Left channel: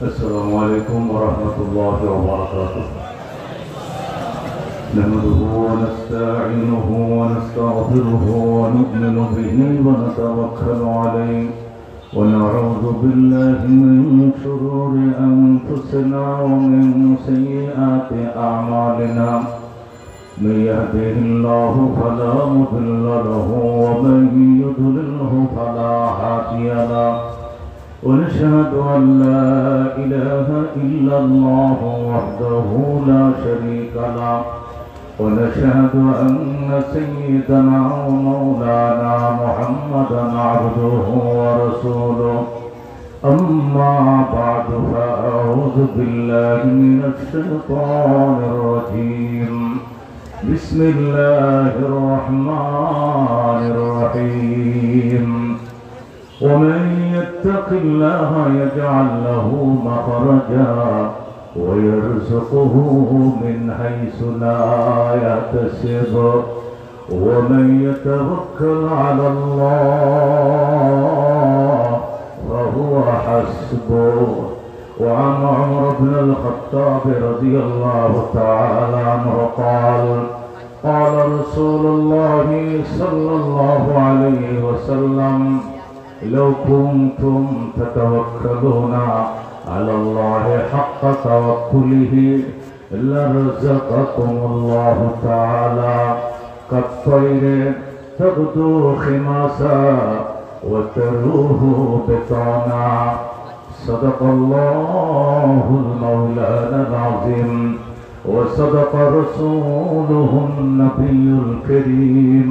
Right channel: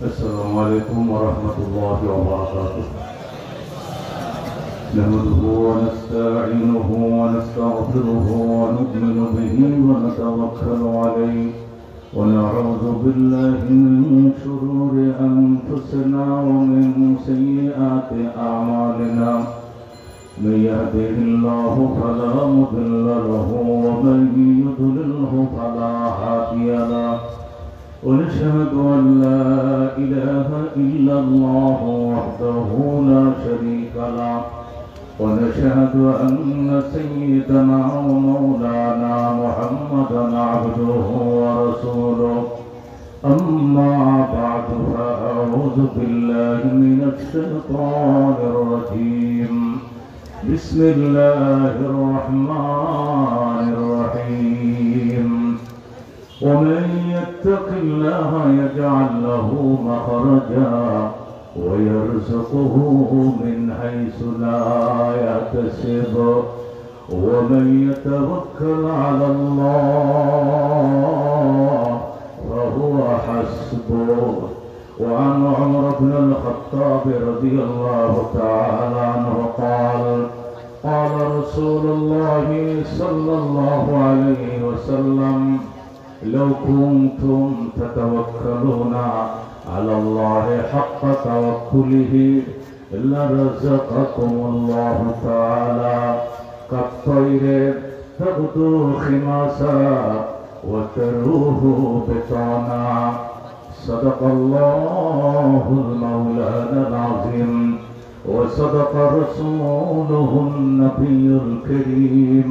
السلام عليكم ورحمة الله وبركاته. نحمده ونستعينه ونستغفره ونؤمن به ونتوكل عليه ونعوذ بالله من شرور أنفسنا ومن سيئات أعمالنا. من يهده الله فلا مضل له ومن يضلله فلا هادي له. ونشهد أن لا إله إلا الله وحده لا شريك له. ونشهد أن سيدنا ومولانا محمدا عبده ورسوله. أما بعد فأعوذ بالله من الشيطان الرجيم. بسم الله الرحمن الرحيم. ومن يتق الله يجعل له مخرجا ويرزقه من حيث لا يحتسب ومن يتوكل على الله فهو حسبه. وعن عمر بن الخطاب رضي الله تعالى عنه قال قال رسول الله صلى الله عليه وسلم لو كنتم تتوكلون على الله حق توكله لرزقكم الله تعالى كالطير تغدو خماسا وتروح بطانا. صدق الله المولانا العظيم وصدق رسوله النبي الكريم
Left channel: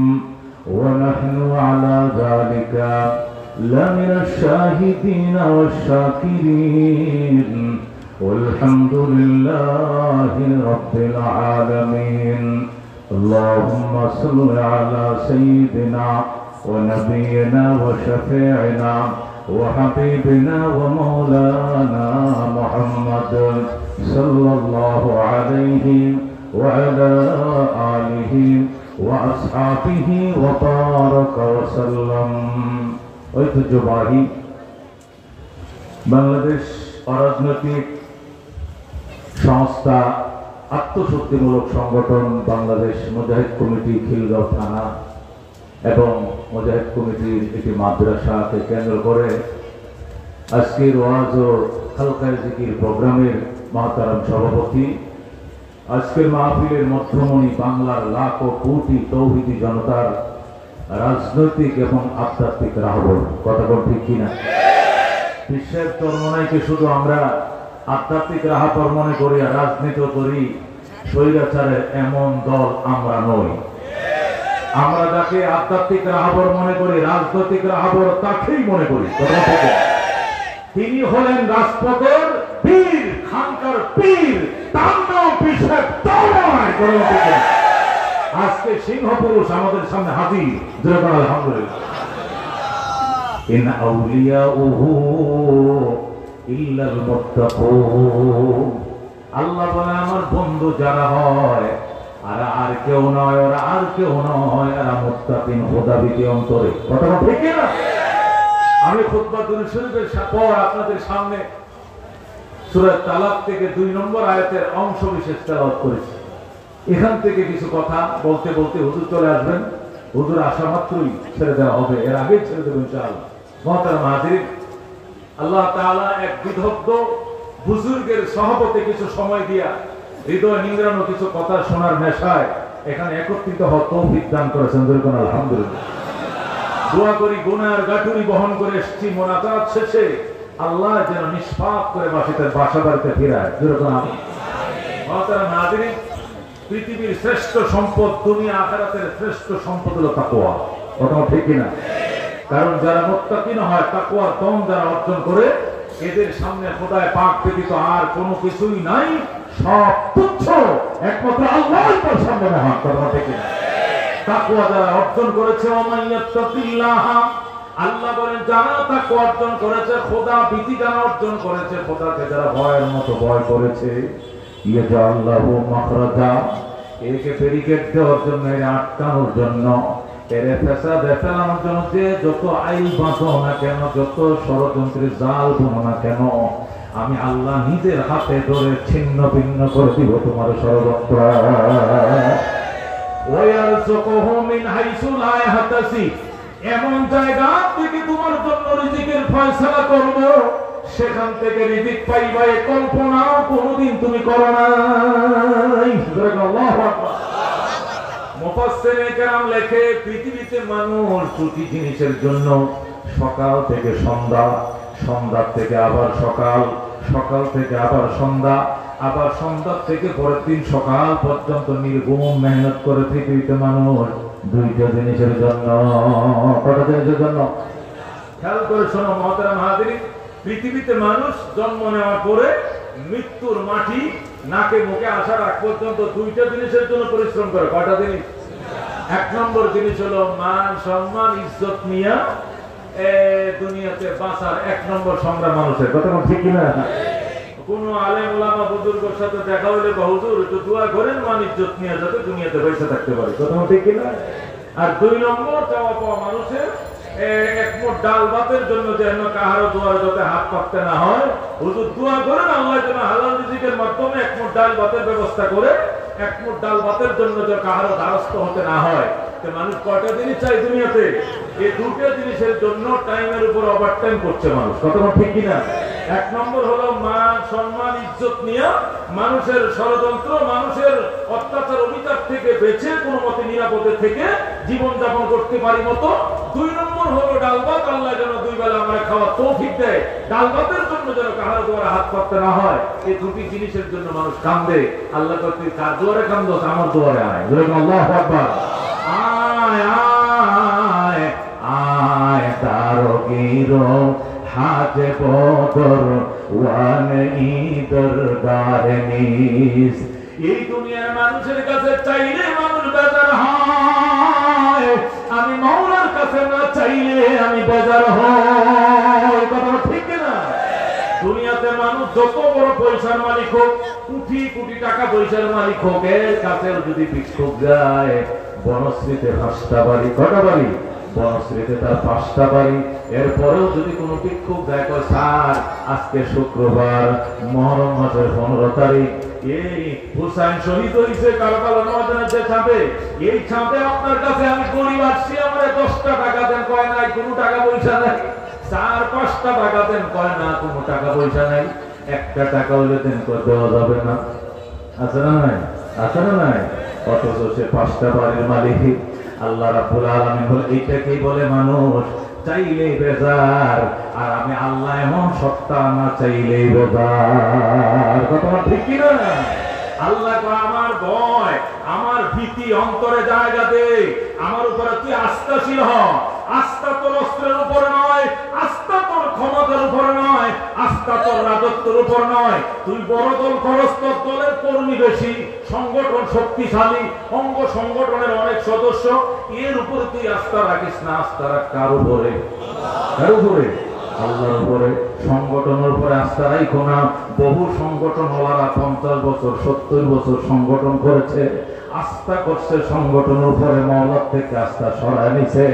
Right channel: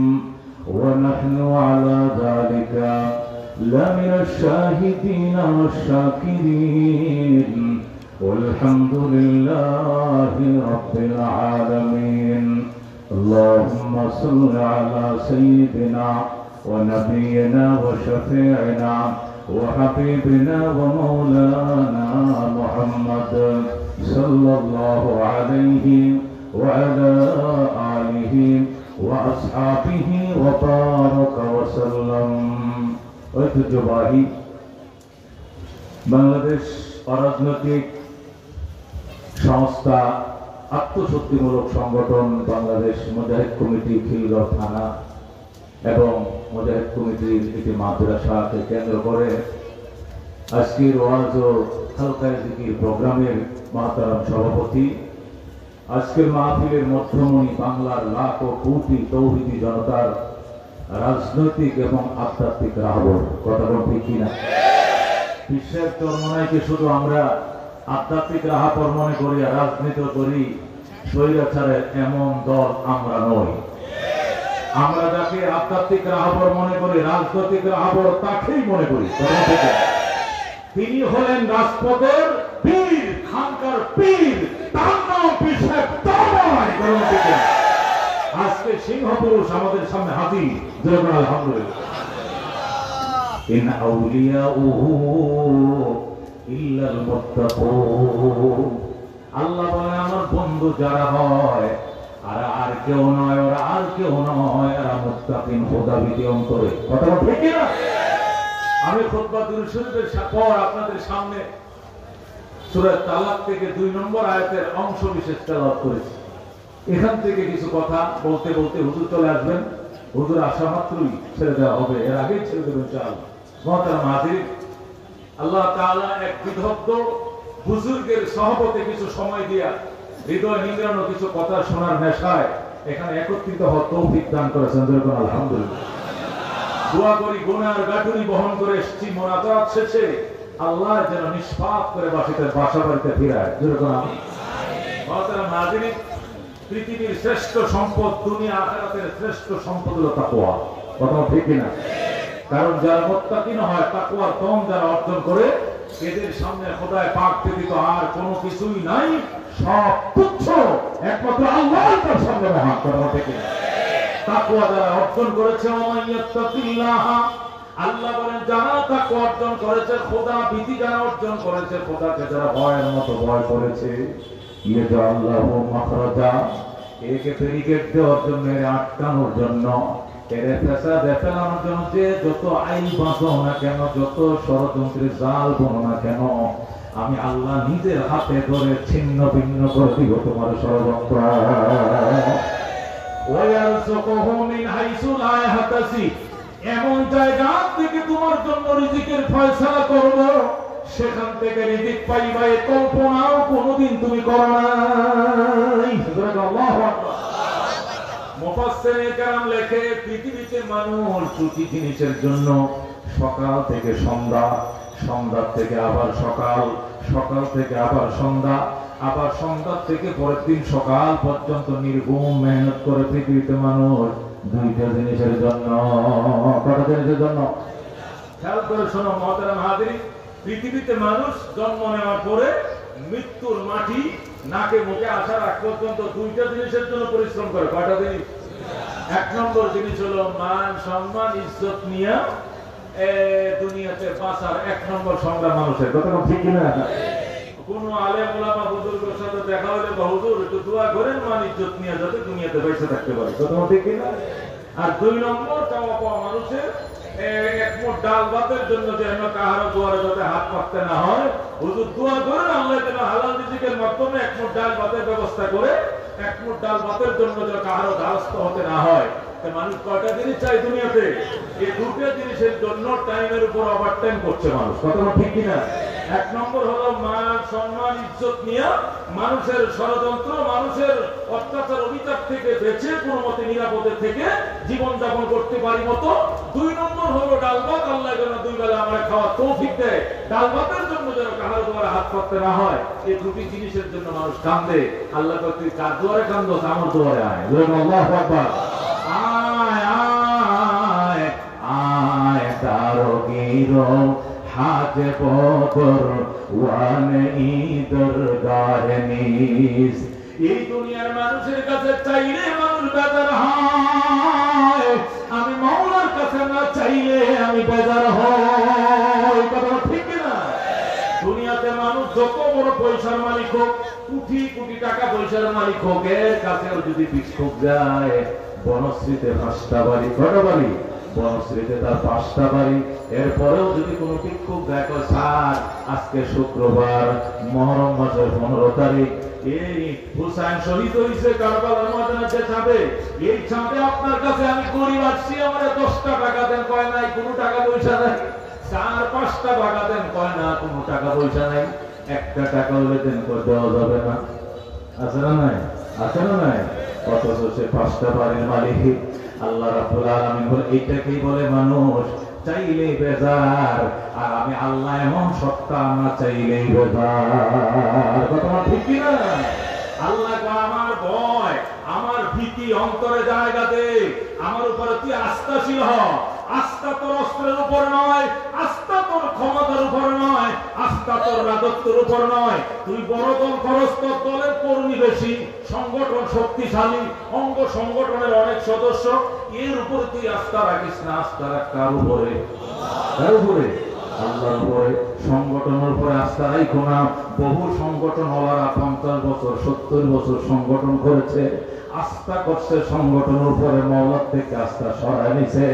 ونحن على ذلك لمن الشاهدين والشاكرين والحمد لله رب العالمين. اللهم صل على سيدنا ونبينا وشفيعنا وحبيبنا ومولانا محمد صلى الله عليه وعلى آله وأصحابه وبارك وسلم. ঐতিহ্যবাহী বাংলাদেশ অরাজনৈতিক সংস্থা আত্মশক্তিমূলক সংগঠন বাংলাদেশ মুজাহিদ কমিটি খিলগাঁও থানা এবং মুজাহিদ কমিটির একটি মাদ্রাসাকে কেন্দ্র করে আজকের ওয়াজ ও খালকায়ে জিকির প্রোগ্রামের মহতারাম সভাপতি, আজকের মাহফিলের মধ্যমণি, বাংলার লাখ ও কোটি তৌহিদি জনতার রাজনৈতিক এবং আধ্যাত্মিক রাহবর। কথা বলতে কিনা? বিশ্বের চরমনাইকে শুধু আমরা আধ্যাত্মিক রাহবর মনে করি আর রাজনীতি করি, স্বৈরাচারের এমন দল আমরা নই। আমরা যাকে আধ্যাত্মিক রাহবর মনে করি, রাজনৈতিক রাহবর তাকেই মনে করি। তিনি হলেন রাজপথের বীর, খানকার পীর, তার নাম পিসের দরবার। আজকে সিংহ পুরুষ আমাদের সামনে হাজির। আলহামদুলিল্লাহ। ইন আউলিয়াউহু ইল্লাল মুত্তাকুন। আল্লাহ বলে আমার বন্ধু যারা হয় আর কেউ নয়, ওরা আর কেউ নয়, এরা মুত্তাকিন, খোদাভীতি অন্তরে। কথা ঠিক না? আমি খুতবা দুরূদ শরীফের পর আপনাদের সামনে সূরা তালাক থেকে 2 নম্বর আয়াতের অংশ বিশেষ তেলাওয়াত করেছি। এখান থেকে কিছু কথা বলতে বলতে হুজুর চলে আসবেন। হুজুর আসা মাত্রই ছেড়ে দেওয়া হবে, এর আগেই ছেড়ে দেবেন ইনশাআল্লাহ। মুহতারাম হাজির, আল্লাহ তাআলা এক বিদগ্ধ বুজুর্গের সহবতে কিছু সময় দিয়া হৃদয় নিংড়ানো কিছু কথা শোনার নেশায় এখানে একত্রিত হওয়ার তৌফিক দান করেছেন। যেরকম আলহামদুলিল্লাহ। দোয়া করি গুনার গাঁটুনি বহন করে এসেছি, মোনাজাত শেষে আল্লাহ যেন নিষ্পাপ করে বাসা বাড়িতে ফিরায়। যেরকম মুহতারাম হাজির, পৃথিবীর শ্রেষ্ঠ সম্পদ, দুনিয়া আখিরাতের শ্রেষ্ঠ সম্পদ হলো তাকওয়া। কথা ঠিক কিনা? কারণ যারা মুত্তাকিন হয়, তাকওয়ার দম যারা অর্জন করে, এদের সামনে খোদায় পাক ব্যতীত আর কোনো কিছুই নাই, সব তুচ্ছ, একমাত্র আল্লাহই তার সামনে মহান। কথা ঠিক কিনা? তাকওয়া যারা অর্জন করেছে, ওমাইয়াত্তাকিল্লাহ, আল্লাহ বলেন যারা তাকওয়া অর্জন করেছে, খোদা ভীতি যারা অর্জন করেছে, খোদাকে যারা ভয়ের মতো ভয় করেছে, ইয়াজাল্লাহু মাখরাজা, একে ব্যারিকেড দেওয়ার জন্য, আটকানোর জন্য, এরে ফেসাদে ফেলানোর জন্য যে যত আইন বাঁধো না কেন, যত ষড়যন্ত্রের জাল বোনো না কেন, আমি আল্লাহ নিজের হাতে ধরে ছিন্ন ভিন্ন করে দিব তোমার ষড়যন্ত্র। এমন জায়গা থেকে তোমার জন্য রিজিকের ফয়সালা করব, সেখান থেকে রিজিক পাইবা এ কল্পনাও কোনোদিন তুমি করো নাই। আল্লাহু আকবার। মুফাসসিরে কেরাম লেখে পৃথিবীতে মানুষ দুটি জিনিসের জন্য সকাল থেকে সন্ধ্যা, সন্ধ্যা থেকে আবার সকাল, সকাল থেকে আবার সন্ধ্যা, আবার সন্ধ্যা থেকে পরের দিন সকাল পর্যন্ত নির্ঘুম মেহনত করে পৃথিবীতে মানুষ দুইটা জিনিসের জন্য। কটা জিনিসের জন্য? খেয়াল করে শোনো মুহতারাম হাজিরিন, পৃথিবীতে মানুষ জন্ম নেওয়ার পরে মৃত্যুর মাটি নাকে মুখে আসার আগ পর্যন্ত দুইটা জিনিসের জন্য পরিশ্রম করে। কয়টা জিনিস? এক নম্বর জিনিস হলো মান সম্মান ইজ্জত নিয়ে দুনিয়াতে বাঁচার এক নম্বর সংগ্রাম মানুষের। কথা ঠিক না? কোন আলেম ওলামা বুজুর্গের সাথে দেখা হইলে হুজুর একটু দোয়া করেন মান ইজ্জত নিয়ে যাতে দুনিয়াতে বেঁচে থাকতে পারে। কথা ঠিক না? আর দুই নম্বর চাওয়া পাওয়া মানুষের এক মুঠ ডাল ভাতের জন্য যেন কাহারো দুয়ারে যাতে হাত পাততে না হয়। হুজুর দোয়া করেন আল্লাহ যেন হালাল রিজিকের মাধ্যমে এক মুঠ ডাল ভাতের ব্যবস্থা করে, এক মুঠ ডাল ভাতের জন্য যেন কাহারো দ্বারস্থ হতে না হয়। মানুষ কয়টা জিনিস চাই দুনিয়াতে? এই দুটো জিনিসের জন্য টাইমের উপর ওভারটাইম করছে মানুষ। কথা ঠিক কিনা? এক নম্বর হলো মান সম্মান ইজ্জত নিয়ে মানুষের ষড়যন্ত্র, মানুষের অত্যাচার অবিচার থেকে বেঁচে কোন মতে নিরাপদে থেকে জীবন যাপন করতে পারি মতো। দুই নম্বর হলো ডাল ভাত, আল্লাহ যেন দুই বেলা আমরা খাওয়ার তৌফিক দেয়, ডাল ভাতের জন্য যেন কাহার দুয়ারে হাত পাততে না হয়। এই দুটি জিনিসের জন্য মানুষ কান্দে। আল্লাহ তুই কার দুয়ারে কান্দোস? আমার দুয়ারে আয়। আল্লাহু আকবার। আয় আয় আয় দারোগীর হাজে বদর ওয়ান ঈদর গারনিস। এই দুনিয়ার মানুষের কাছে চাইলে মানুষ বেজার হয়, আমি মাওলার কাছে না চাইলে আমি বেজার হই। কথা ঠিক না? দুনিয়াতে মানুষ যত বড় পয়সার মালিক হোক, কোটি কোটি টাকা পয়সার মালিক হোক, এর কাছেও যদি ভিক্ষুক যায়, বনশ্রীতে 5টা বাড়ি, কটা বাড়ি? বনশ্রীতে তার 5টা বাড়ি। এরপরেও যদি কোনো ভিক্ষুক যায়, কয় স্যার আজকে শুক্রবার মুহররম মাসের 15 তারিখ, এই হুসাইন শহীদ হয়েছে কারবালার ময়দানে যে ছাপে, এই ছাপে আপনার কাছে আমি গরিব আসছি, আমার 10টা টাকা দেন। কয় নাই, কোনো টাকা পয়সা নাই। 4-5টা টাকা দেন। কয় না, কোনো টাকা পয়সা নাই। 1টা টাকা হইলে দেন। কয় দেওয়া যাবে না। আছে না নাই? আছে না নাই? অথচ সে 5টা বাড়ির মালিক। আল্লাহ রাব্বুল আলামিন বলে এইটাকেই বলে মানুষ চাইলে বেজার, আর আমি আল্লাহ এমন সত্তা, না চাইলে বেজার। কথা ঠিক কি না? আল্লাহ আমার ভয়, আমার ভীতি অন্তরে জায়গা দে, আমার উপরে তুই আস্থাশীল হ। আস্থা তোর অস্ত্রের উপর নয়, আস্থা তোর ক্ষমতার উপর নয়, আস্থা তোর রাজত্বের উপর নয়। তুই বড় দল করস, তোর দলের কর্মী বেশি, সংগঠন শক্তিশালী, অঙ্গ সংগঠনের অনেক সদস্য, এর উপরে তুই আস্থা রাখিস না। আস্থা রাখ কার উপরে? কার উপরে? আল্লাহর উপরে। সংগঠনের উপরে আস্থা রাখো না। বহু সংগঠন ওলারা 50 বছর 70 বছর সংগঠন করেছে, আস্থা করছে সংগঠনের উপরে, মাওলার থেকে আস্থা সরায় নিছে।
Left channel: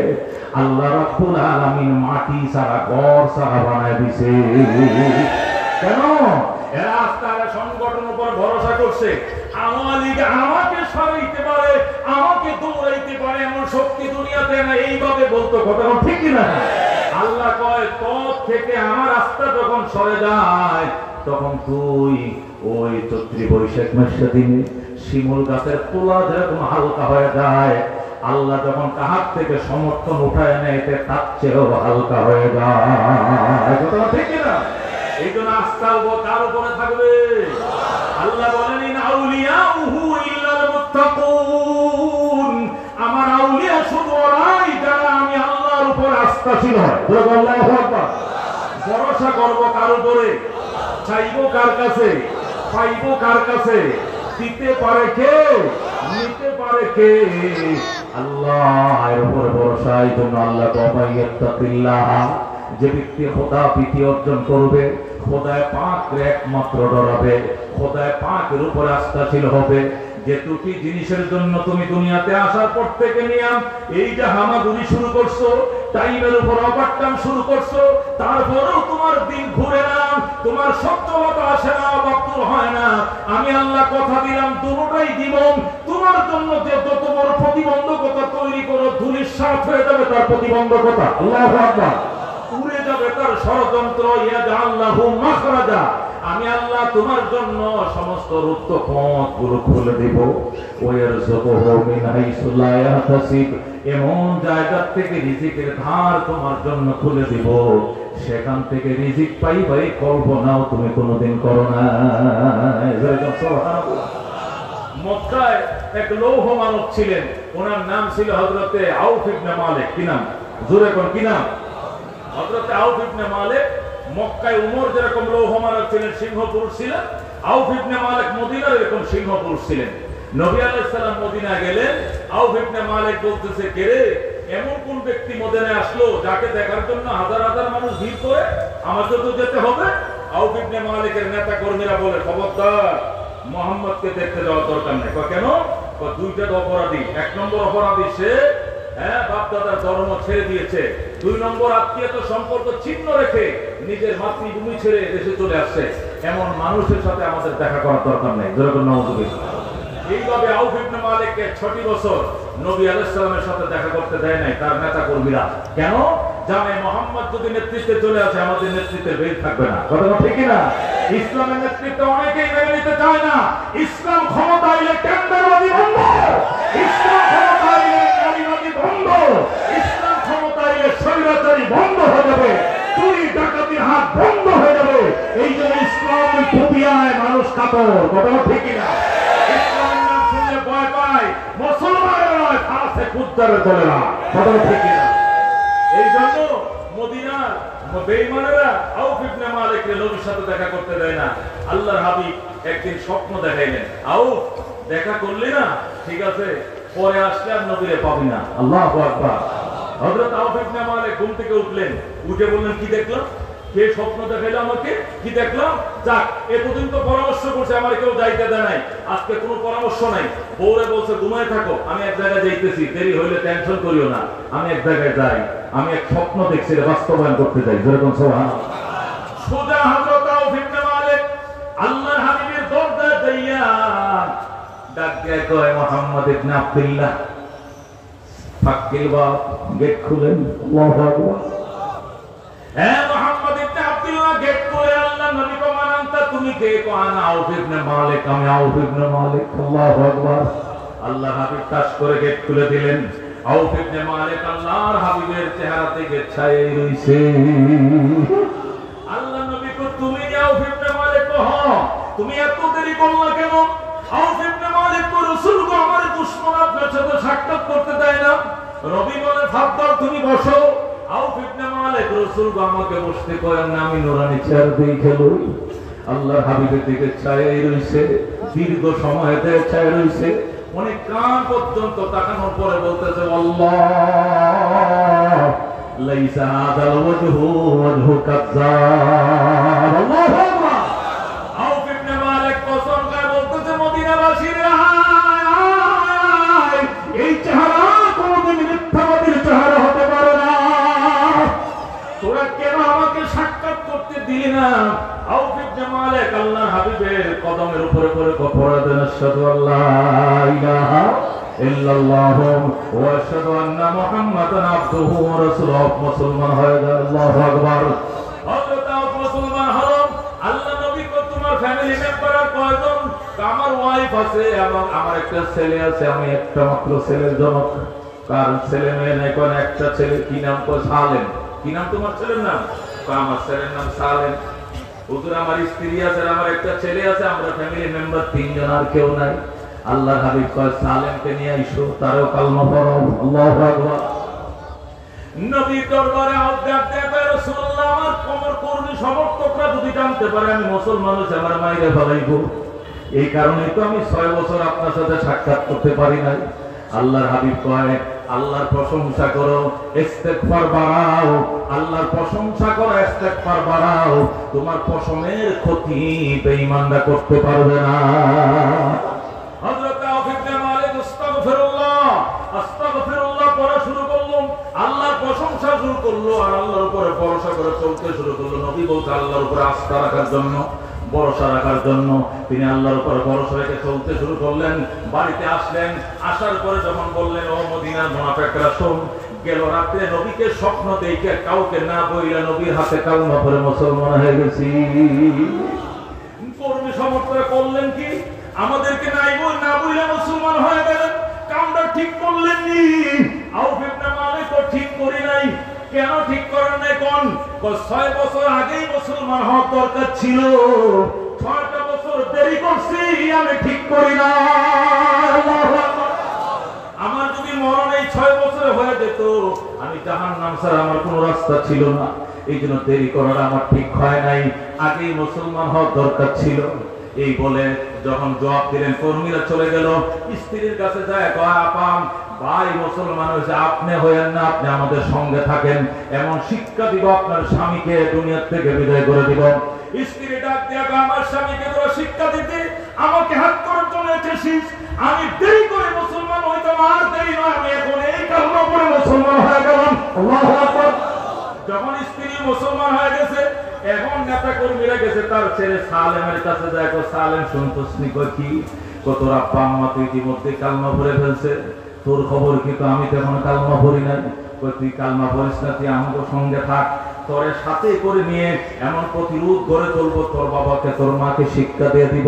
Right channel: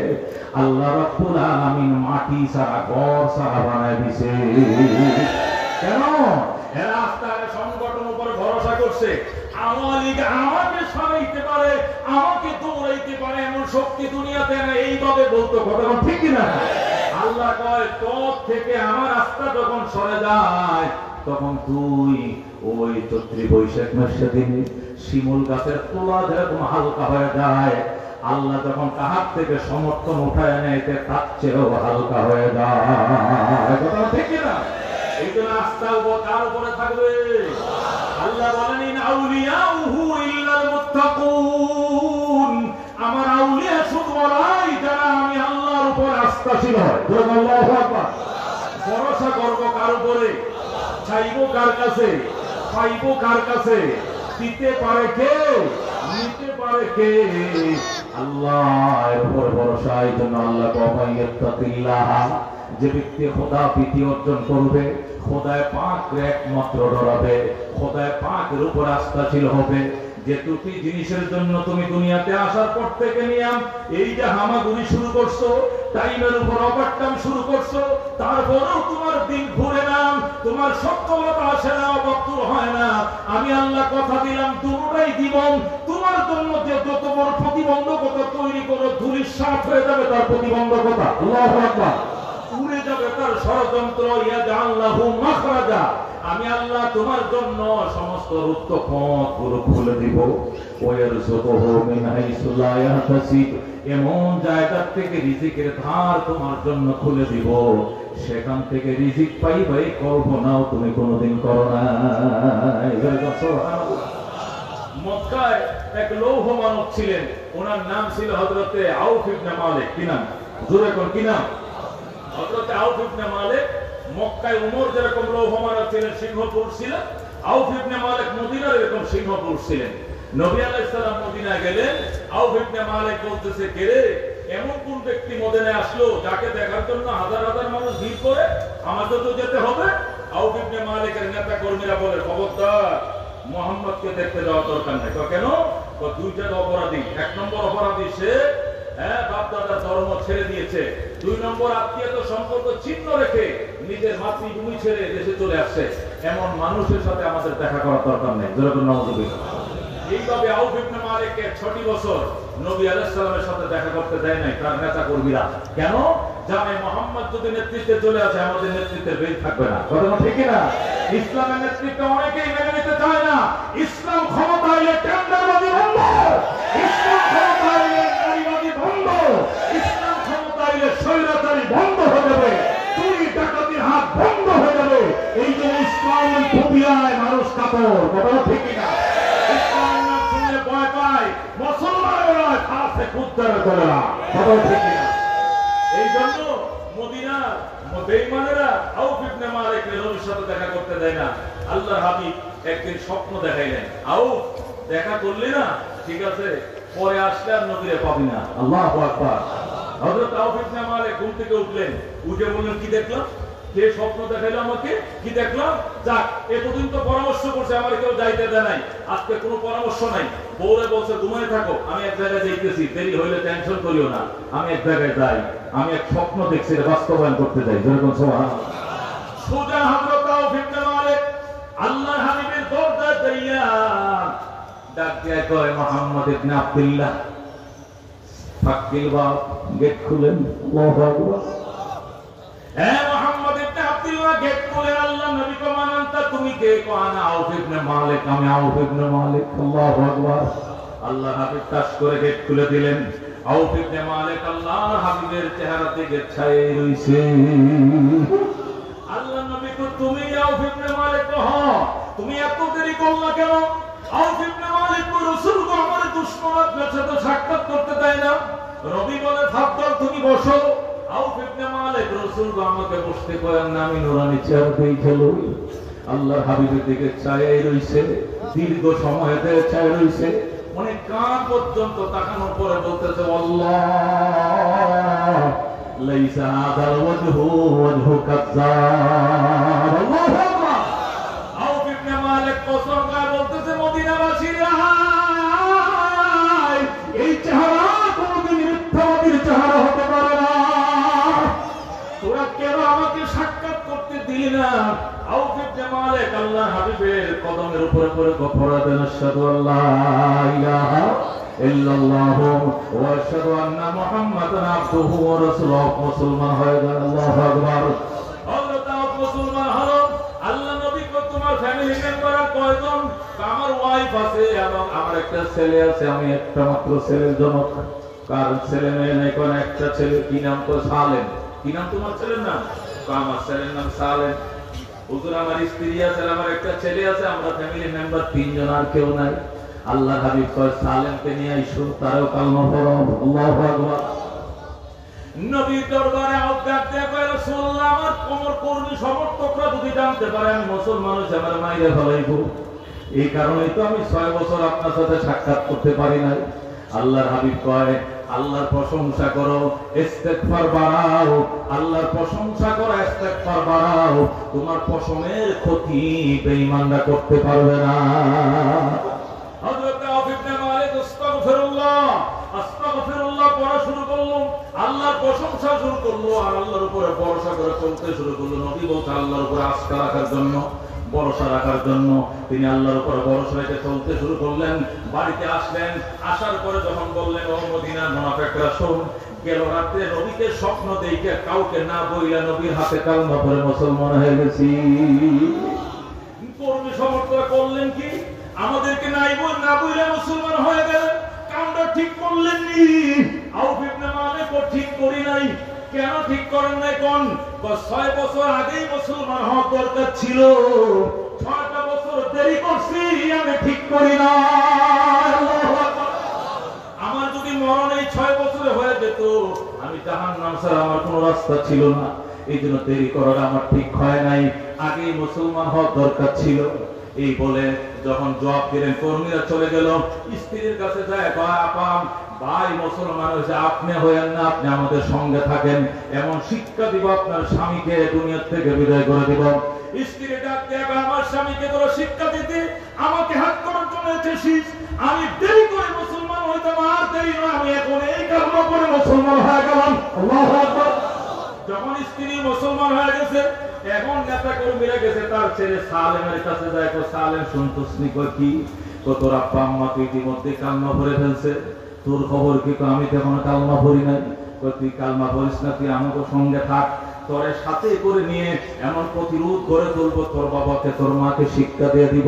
আল্লাহ রাব্বুল আলামিন মাটি ছাড়া ঘর ছাড়া বানায় দিছে। কেন? এরা আস্থার সংগঠন উপর ভরসা করছে। আওয়ামী লীগ আমাকে সরাইতে পারে, আমাকে দৌড়াইতে পারে, এমন শক্তি দুনিয়াতে না, এইভাবে বলতো। কথা ঠিক না? আল্লাহ কয় তোর থেকে আমার আস্থা যখন সরে যায়, তখন তুই ওই চৈত্র বৈশাখ মাসের দিনে শিমুল গাছের তোলা যেরকম হালকা হয়ে যায়, আল্লাহ যখন কাহার থেকে সমর্থন উঠায় নেয়, তার চেয়েও হালকা হয়ে যায়। কথা ঠিক না? এই জন্য আস্থা কার উপরে থাকবে? আল্লাহ বলেন ইন আউলিয়াউহু ইল্লাল মুত্তাকুন, আমার আউলিয়া শুধু ওরাই যারা আমি আল্লাহর উপর আস্থাশীল হয়। আল্লাহু আকবার। ভরসা করব কার উপরে? চাইবো কার কাছে? পাইবো কার কাছে? দিতে পারে কে? নিতে পারে কে? আল্লাহর উপরে ভরসা। এই জন্য আল্লাহ ইয়াত্তাকিল্লাহ, যে ব্যক্তি খোদা প্রীতি অর্জন করবে, খোদায় পাকের একমাত্র ডরাবে, খোদায় পাকের উপর আস্থাশীল হবে, যে দুটি জিনিসের জন্য তুমি দুনিয়াতে আসার পর থেকে নিয়ে এই যে হামাগুড়ি শুরু করছো, টাইমের উপর ওভারটাইম শুরু করছো, তারপরেও তোমার দিন ঘুরে না, তোমার সচ্ছলতা আসে না, অবাক্তুর হয় না। আমি আল্লাহ কথা দিলাম দুটোটাই দিব। তোমার জন্য যে যত বড় প্রতিবন্ধকতা তৈরি করো, ধুলির সাথ হয়ে যাবে তার প্রতিবন্ধকতা, আল্লাহু আকবার, উড়ে যাবে তার ষড়যন্ত্র। ইয়াজআল্লাহু মাখরাজা, আমি আল্লাহ তোমার জন্য সমস্ত রুক্ত পথগুলো খুলে দিব। ওয়ারযুকুহু মিন হাইসু লা ইয়াহতাসিব, এমন জায়গা থেকে রিজিকের ধার তোমার জন্য খুলে দিব, সেখান থেকে রিজিক পাইবে কল্পনাও তুমি কোনোদিন করো না। সুবহানাল্লাহ। মক্কায় এক লৌহ মানব ছিলেন, ওনার নাম ছিল হযরতে আউফ ইবনে মালিক। কি নাম? জোরে কোন কি নাম? হযরতে আউফ ইবনে মালিক। মক্কায় উমর যেরকম লৌহ মানব ছিলেন, সিংহ পুরুষ ছিলেন, আউফ ইবনে মালিক মদিনার এরকম সিংহ পুরুষ ছিলেন। নবী আলাইহিস সালাম মদিনা গেলেন, আউফ ইবনে মালিক বলতেছে, কে রে, এমন কোন ব্যক্তি মদিনায় আসলো যাকে দেখার জন্য হাজার হাজার মানুষ ভিড় করে, আমাকে তো যেতে হবে। আউফ ইবনে মালিকের নেতা কর্মীরা বলে, খবরদার, মুহাম্মদকে দেখতে যাওয়ার দরকার নাই। কেন? দুইটা অপরাধী। এক নম্বর অপরাধী সে বাপ দাদার ধর্ম ছেড়ে দিয়েছে, দুই নম্বর আত্মীয়তা সম্পর্ক ছিন্ন রেখে নিজের মাতৃভূমি ছেড়ে দেশে চলে আসছে। এমন মানুষের সাথে আমাদের দেখা করার দরকার নেই। যেরকম নাউযুবিল্লাহ। এইভাবে আউফ ইবনে মালিককে 6টি বছর নবী আলাইহিস সালামের সাথে দেখা করতে দেয় নাই তার নেতা কর্মীরা। কেন? জানে মুহাম্মদ যদি নেতৃত্বে চলে আসে, আমাদের নেতৃত্বের বের থাকবে না। কথা ঠিক না? ইসলামের নেতৃত্ব অনেকেই মেনে নিতে চায় না। ইসলাম ক্ষমতা এলে টেন্ডারবাজি বন্ধ, ইসলাম ক্ষমতা এলে নারীবাজি বন্ধ, ইসলাম ক্ষমতা এলে স্বৈরাচারী বন্ধ হয়ে যাবে, চুরি ডাকাতির হাত বন্ধ হয়ে যাবে। এই জন্য ইসলাম ফোবিয়ায় মানুষ কাতর। কথা ঠিক না? ইসলামের নাম শুনলে ভয় পায়, মুসলমানের নয়, খাসে কুদ্দারে চলে না। কথা ঠিক না? এই জন্য মদিনার বেঈমানেরা আউফ ইবনে মালিককে নবীর সাথে দেখা করতে দেয় না। আল্লাহর হাবিব একদিন স্বপ্ন দেখাইলেন, আউফ, দেখা করলি না, ঠিক আছে, পরে আসলে আর নবীরে পাবি না। আল্লাহু আকবার। হযরত আউফ ইবনে মালিক ঘুম থেকে উঠলেন, উঠে বললেন, কি দেখলাম? কে স্বপ্ন দেখাইলো আমাকে? কি দেখলাম? যাক, এতদিন তো পরামর্শ করছে, আমার কেউ যাইতে দেয় নাই, আজকে কোনো পরামর্শ নাই। বউরে বলছে, ঘুমায় থাকো, আমি এক জায়গায় যাইতেছি, দেরি হইলে টেনশন করিও না, আমি এক জায়গায় যাই, আমি এক স্বপ্ন দেখছি, বাস্তবায়ন করতে যাই। যেরকম সোজা হযরত আউফ ইবনে মালিক আল্লাহর হাবিবের দরজা যাইয়া ডাক দিয়ে কয়, মুহাম্মদ ইবনে আব্দুল্লাহ, ফাক্কিল বাব, গেট খুলেন। আল্লাহু আকবার। মুহাম্মদ ইবনে আব্দুল্লাহ গেট খুলে আল্লাহ নবী কো, মান আনতা, তুমি কে? কো, আনা আউফ ইবনে মালিক, আমি আউফ ইবনে মালিক। আল্লাহু আকবার। আল্লাহ হাবিব কাজ করে গেট খুলে দিলেন। আউফ ইবনে মালিক আল্লাহর হাবিবের চেহারা দিকে ছায়ে রইছে। আল্লাহ নবী কো, তুমি আউফ ইবনে মালিক? কো, হ্যাঁ। তুমি এত দেরি করলা কেন? আউফ ইবনে মালিক কো, রাসূল কো, আমার দুশমন আপনার সাথে সাক্ষাৎ করতে দেয় না। নবী বলে, ফাদ্দাল, তুমি বসো। আউফ ইবনে মালিক রাসূল কো, আমাকে বসতে কয়েন না, আমি নুরানি চেয়ার দিয়ে খেলুই। আল্লাহর হাবিবের দিকে ছায়ে রইছে, দীর্ঘ সময় ধরে ছায়ে রইছে, অনেক কান পর্যন্ত তাকানোর পরে বলতেছে, আল্লাহ, লাইসা হাযাল ওয়াজহু ওয়াজহু কাযযাব। আল্লাহু আকবার। আউফ ইবনে মালিক কসম করে বলতেছে, মদিনাবাসীরা, এই চেহারা কোনদিন মিথ্যাবাদীর চেহারা হতে পারে না। তোরা কেন আমাকে সাক্ষাৎ করতে দিলি না? আউফ ইবনে মালিক আল্লাহর হাবিবের কদমের উপরে পড়ে পড়া দেন, আশহাদু আল্লা ইলাহা ইল্লাল্লাহ ওয়া আশহাদু আন্না মুহাম্মাদান আবদুহু ওয়া রাসূলুহু। মুসলমান হয়ে গেল। আল্লাহু আকবার। হযরত আউফ মুসলমান হলো। আল্লাহ নবী কো, তোমার ফ্যামিলি মেম্বার কয়জন? আমার ওয়াইফ আছে এবং আমার একটা ছেলে আছে, আমি একটা মাত্র ছেলের জনক, কারণ ছেলে মেয়ে নাই, কোন একটা ছেলে। কি নাম? কো, সালেম। কি নাম তোমার ছেলের নাম? আমার ছেলের নাম সালেম। হুজুর, আমার স্ত্রী আছে, আমার একটা ছেলে আছে, আমরা ফ্যামিলি মেম্বার 3 জন, আর কেউ নাই। আল্লাহর হাবিব কয়, সালেমকে নিয়ে আইসো, তারও কালমা পড়ো। আল্লাহু আকবার। নবী দরবারে আওয়াজ দেয়া কয়, রাসূলুল্লাহ, আমার কর্মী সমর্থকরা যদি জানতে পারে আমি মুসলমান হইছি, আমার মাইরে ফেলাইবো। এই কারণেই তো আমি 6 বছর আপনার সাথে সাক্ষাৎ করতে পারি নাই। আল্লাহর হাবিব কয়, আল্লাহর প্রশংসা করো, ইস্তেগফার বাড়াও, আল্লাহর প্রশংসা করো, ইস্তেগফার বাড়াও, তোমার পশমের ক্ষতি বেঈমানরা করতে পারবে না। হযরত আর আল্লাহর উপরে ভরসা করে চলতে শুরু করলো। নবী বলতে আল্লাহর উপরে আস্থা রাখার জন্য, ভরসা রাখার জন্য তিনি আল্লাহর উপরে ভরসা রেখে চলতে শুরু করলেন। বাড়িতে আসলেন, আসার পরে যখন বললেন ও মদিনার মুনাফিকরা শোন, গেল রাতে নবীকে স্বপ্ন দেখে কাউকে না বইলা নবীর হাতে কালমা পড়ে মুসলমান হয়ে গেছি। কর্মী সমর্থকরা করলেন কি, আমাদেরকে না বইলা মুসলমান হয়ে গেলেন। কামটা ঠিক করলেন নি। আউফ ইবনে মালিক ঠিক করি নাই। কেন ঠিক করেন নাই কোন? 6 বছর আগেই মুসলমান হওয়ার দরকার ছিল, 6টা বছর দেরি করছি, আমি ঠিক করি না। আমার যদি মরণ এই 6 বছরে হয়ে যেত, আমি জাহান্নাম ছাড়া আমার কোনো রাস্তা ছিল না। এই জন্য দেরি করার আমার ঠিক হয় নাই, আগেই মুসলমান হওয়ার দরকার ছিল। এই বলে যখন জবাব দিলেন, কর্মীরা চলে গেল। স্ত্রীর কাছে যায়, আপাম ভাই মুসলমান হয়েছে, আপনি হয়েন না, আপনি আমাদের সঙ্গে থাকেন, এমন শিক্ষা দিব আপনার স্বামীকে দুনিয়া থেকে বিদায় করে দিব। স্ত্রী ডাক দিয়ে, আমার স্বামীকে তোরা শিক্ষা দিতে আমাকে হাত করার জন্য এসেছিস? আমি দেরি করে মুসলমান হইতাম, আর দেরি নয়, আমি এখন এই কারণে করে মুসলমান হয়ে গেলাম। আল্লাহু আকবার। যখন স্ত্রী মুসলমান হয়ে গেছে, এখন নেতা কর্মীরা গেছে তার ছেলে সালেমের কাছে যায়, সালেম সন্তোষ নি কি তোর আব্বা আম্মা তো ইতিমধ্যে কালমা পড়ে ফেলছে, তোর খবর কি? আমি তো এখন কালমা পড়ি নাই। তুই কালমা পড়িস না, তুই আমাকে সঙ্গে থাক, তোর সাথে করে নিয়ে এমন প্রতিরোধ গড়ে তুলবো, তোর বাবাকে তোর মাকে শিক্ষা দিয়ে দিব।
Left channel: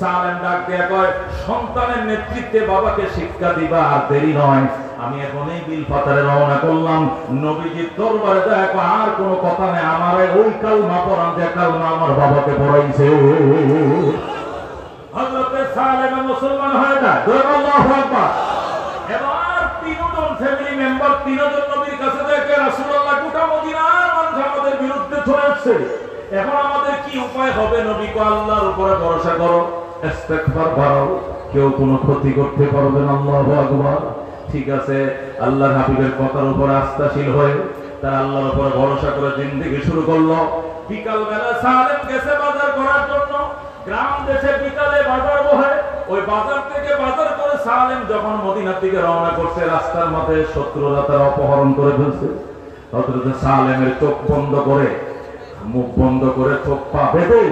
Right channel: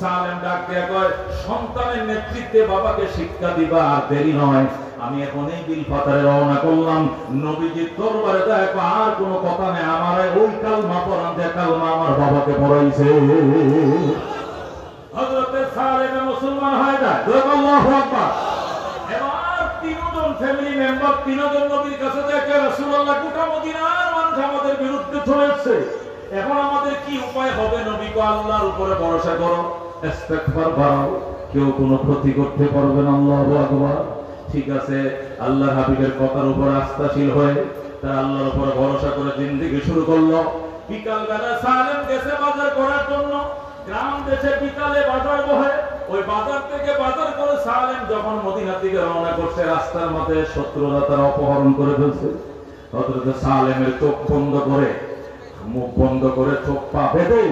সালেম ডাক দিয়ে কয়, সন্তানের নেতৃত্বে বাবাকে শিক্ষা দিবা, আর দেরি নয়। আমি এখন এই বিল পাতারে রওনা করলাম, নবীজির দরবারে দেখো আর কোনো কথা নেই, আমার ওই কালমা পড়ান যে কালমা আমার বাবাকে পড়াইছে। হযরতে সালেম মুসলমান হয়ে যায়। আল্লাহু আকবার। এবার তিনজন ফ্যামিলি মেম্বার, তিনজন নবীর কাছে দেখে, রাসূলুল্লাহ গোটা মদিনার মানুষ আমাদের বিরুদ্ধে চলেছে, এখন আমাদের কি উপায় হবে? নবী কো, আল্লাহর উপরে ভরসা করো, ইস্তেগফার করো, কেউ কোনো ক্ষতি করতে পারবে না। আল্লাহু আকবার। ঠিক আছে, আল্লাহর হাবিবের কথার উপর আস্থাশীল হয়ে তারা আল্লাহর উপর ভরসা করে জিন্দেগি শুরু করলো। বিকাল বেলা সালেম গেছে বাজার করার জন্য। গ্রাম দেশে বিকালে বাজার বহে, ওই বাজার থেকে বাজার করে সালেম যখন মদিনার দিকে রওনা করছে, রাস্তার মধ্যে শত্রুরা তারা অপহরণ করে ফেলছে। হযরত সালেমের চোখ বন্ধ করে, মুখ বন্ধ করে, চোখ পা বেঁধে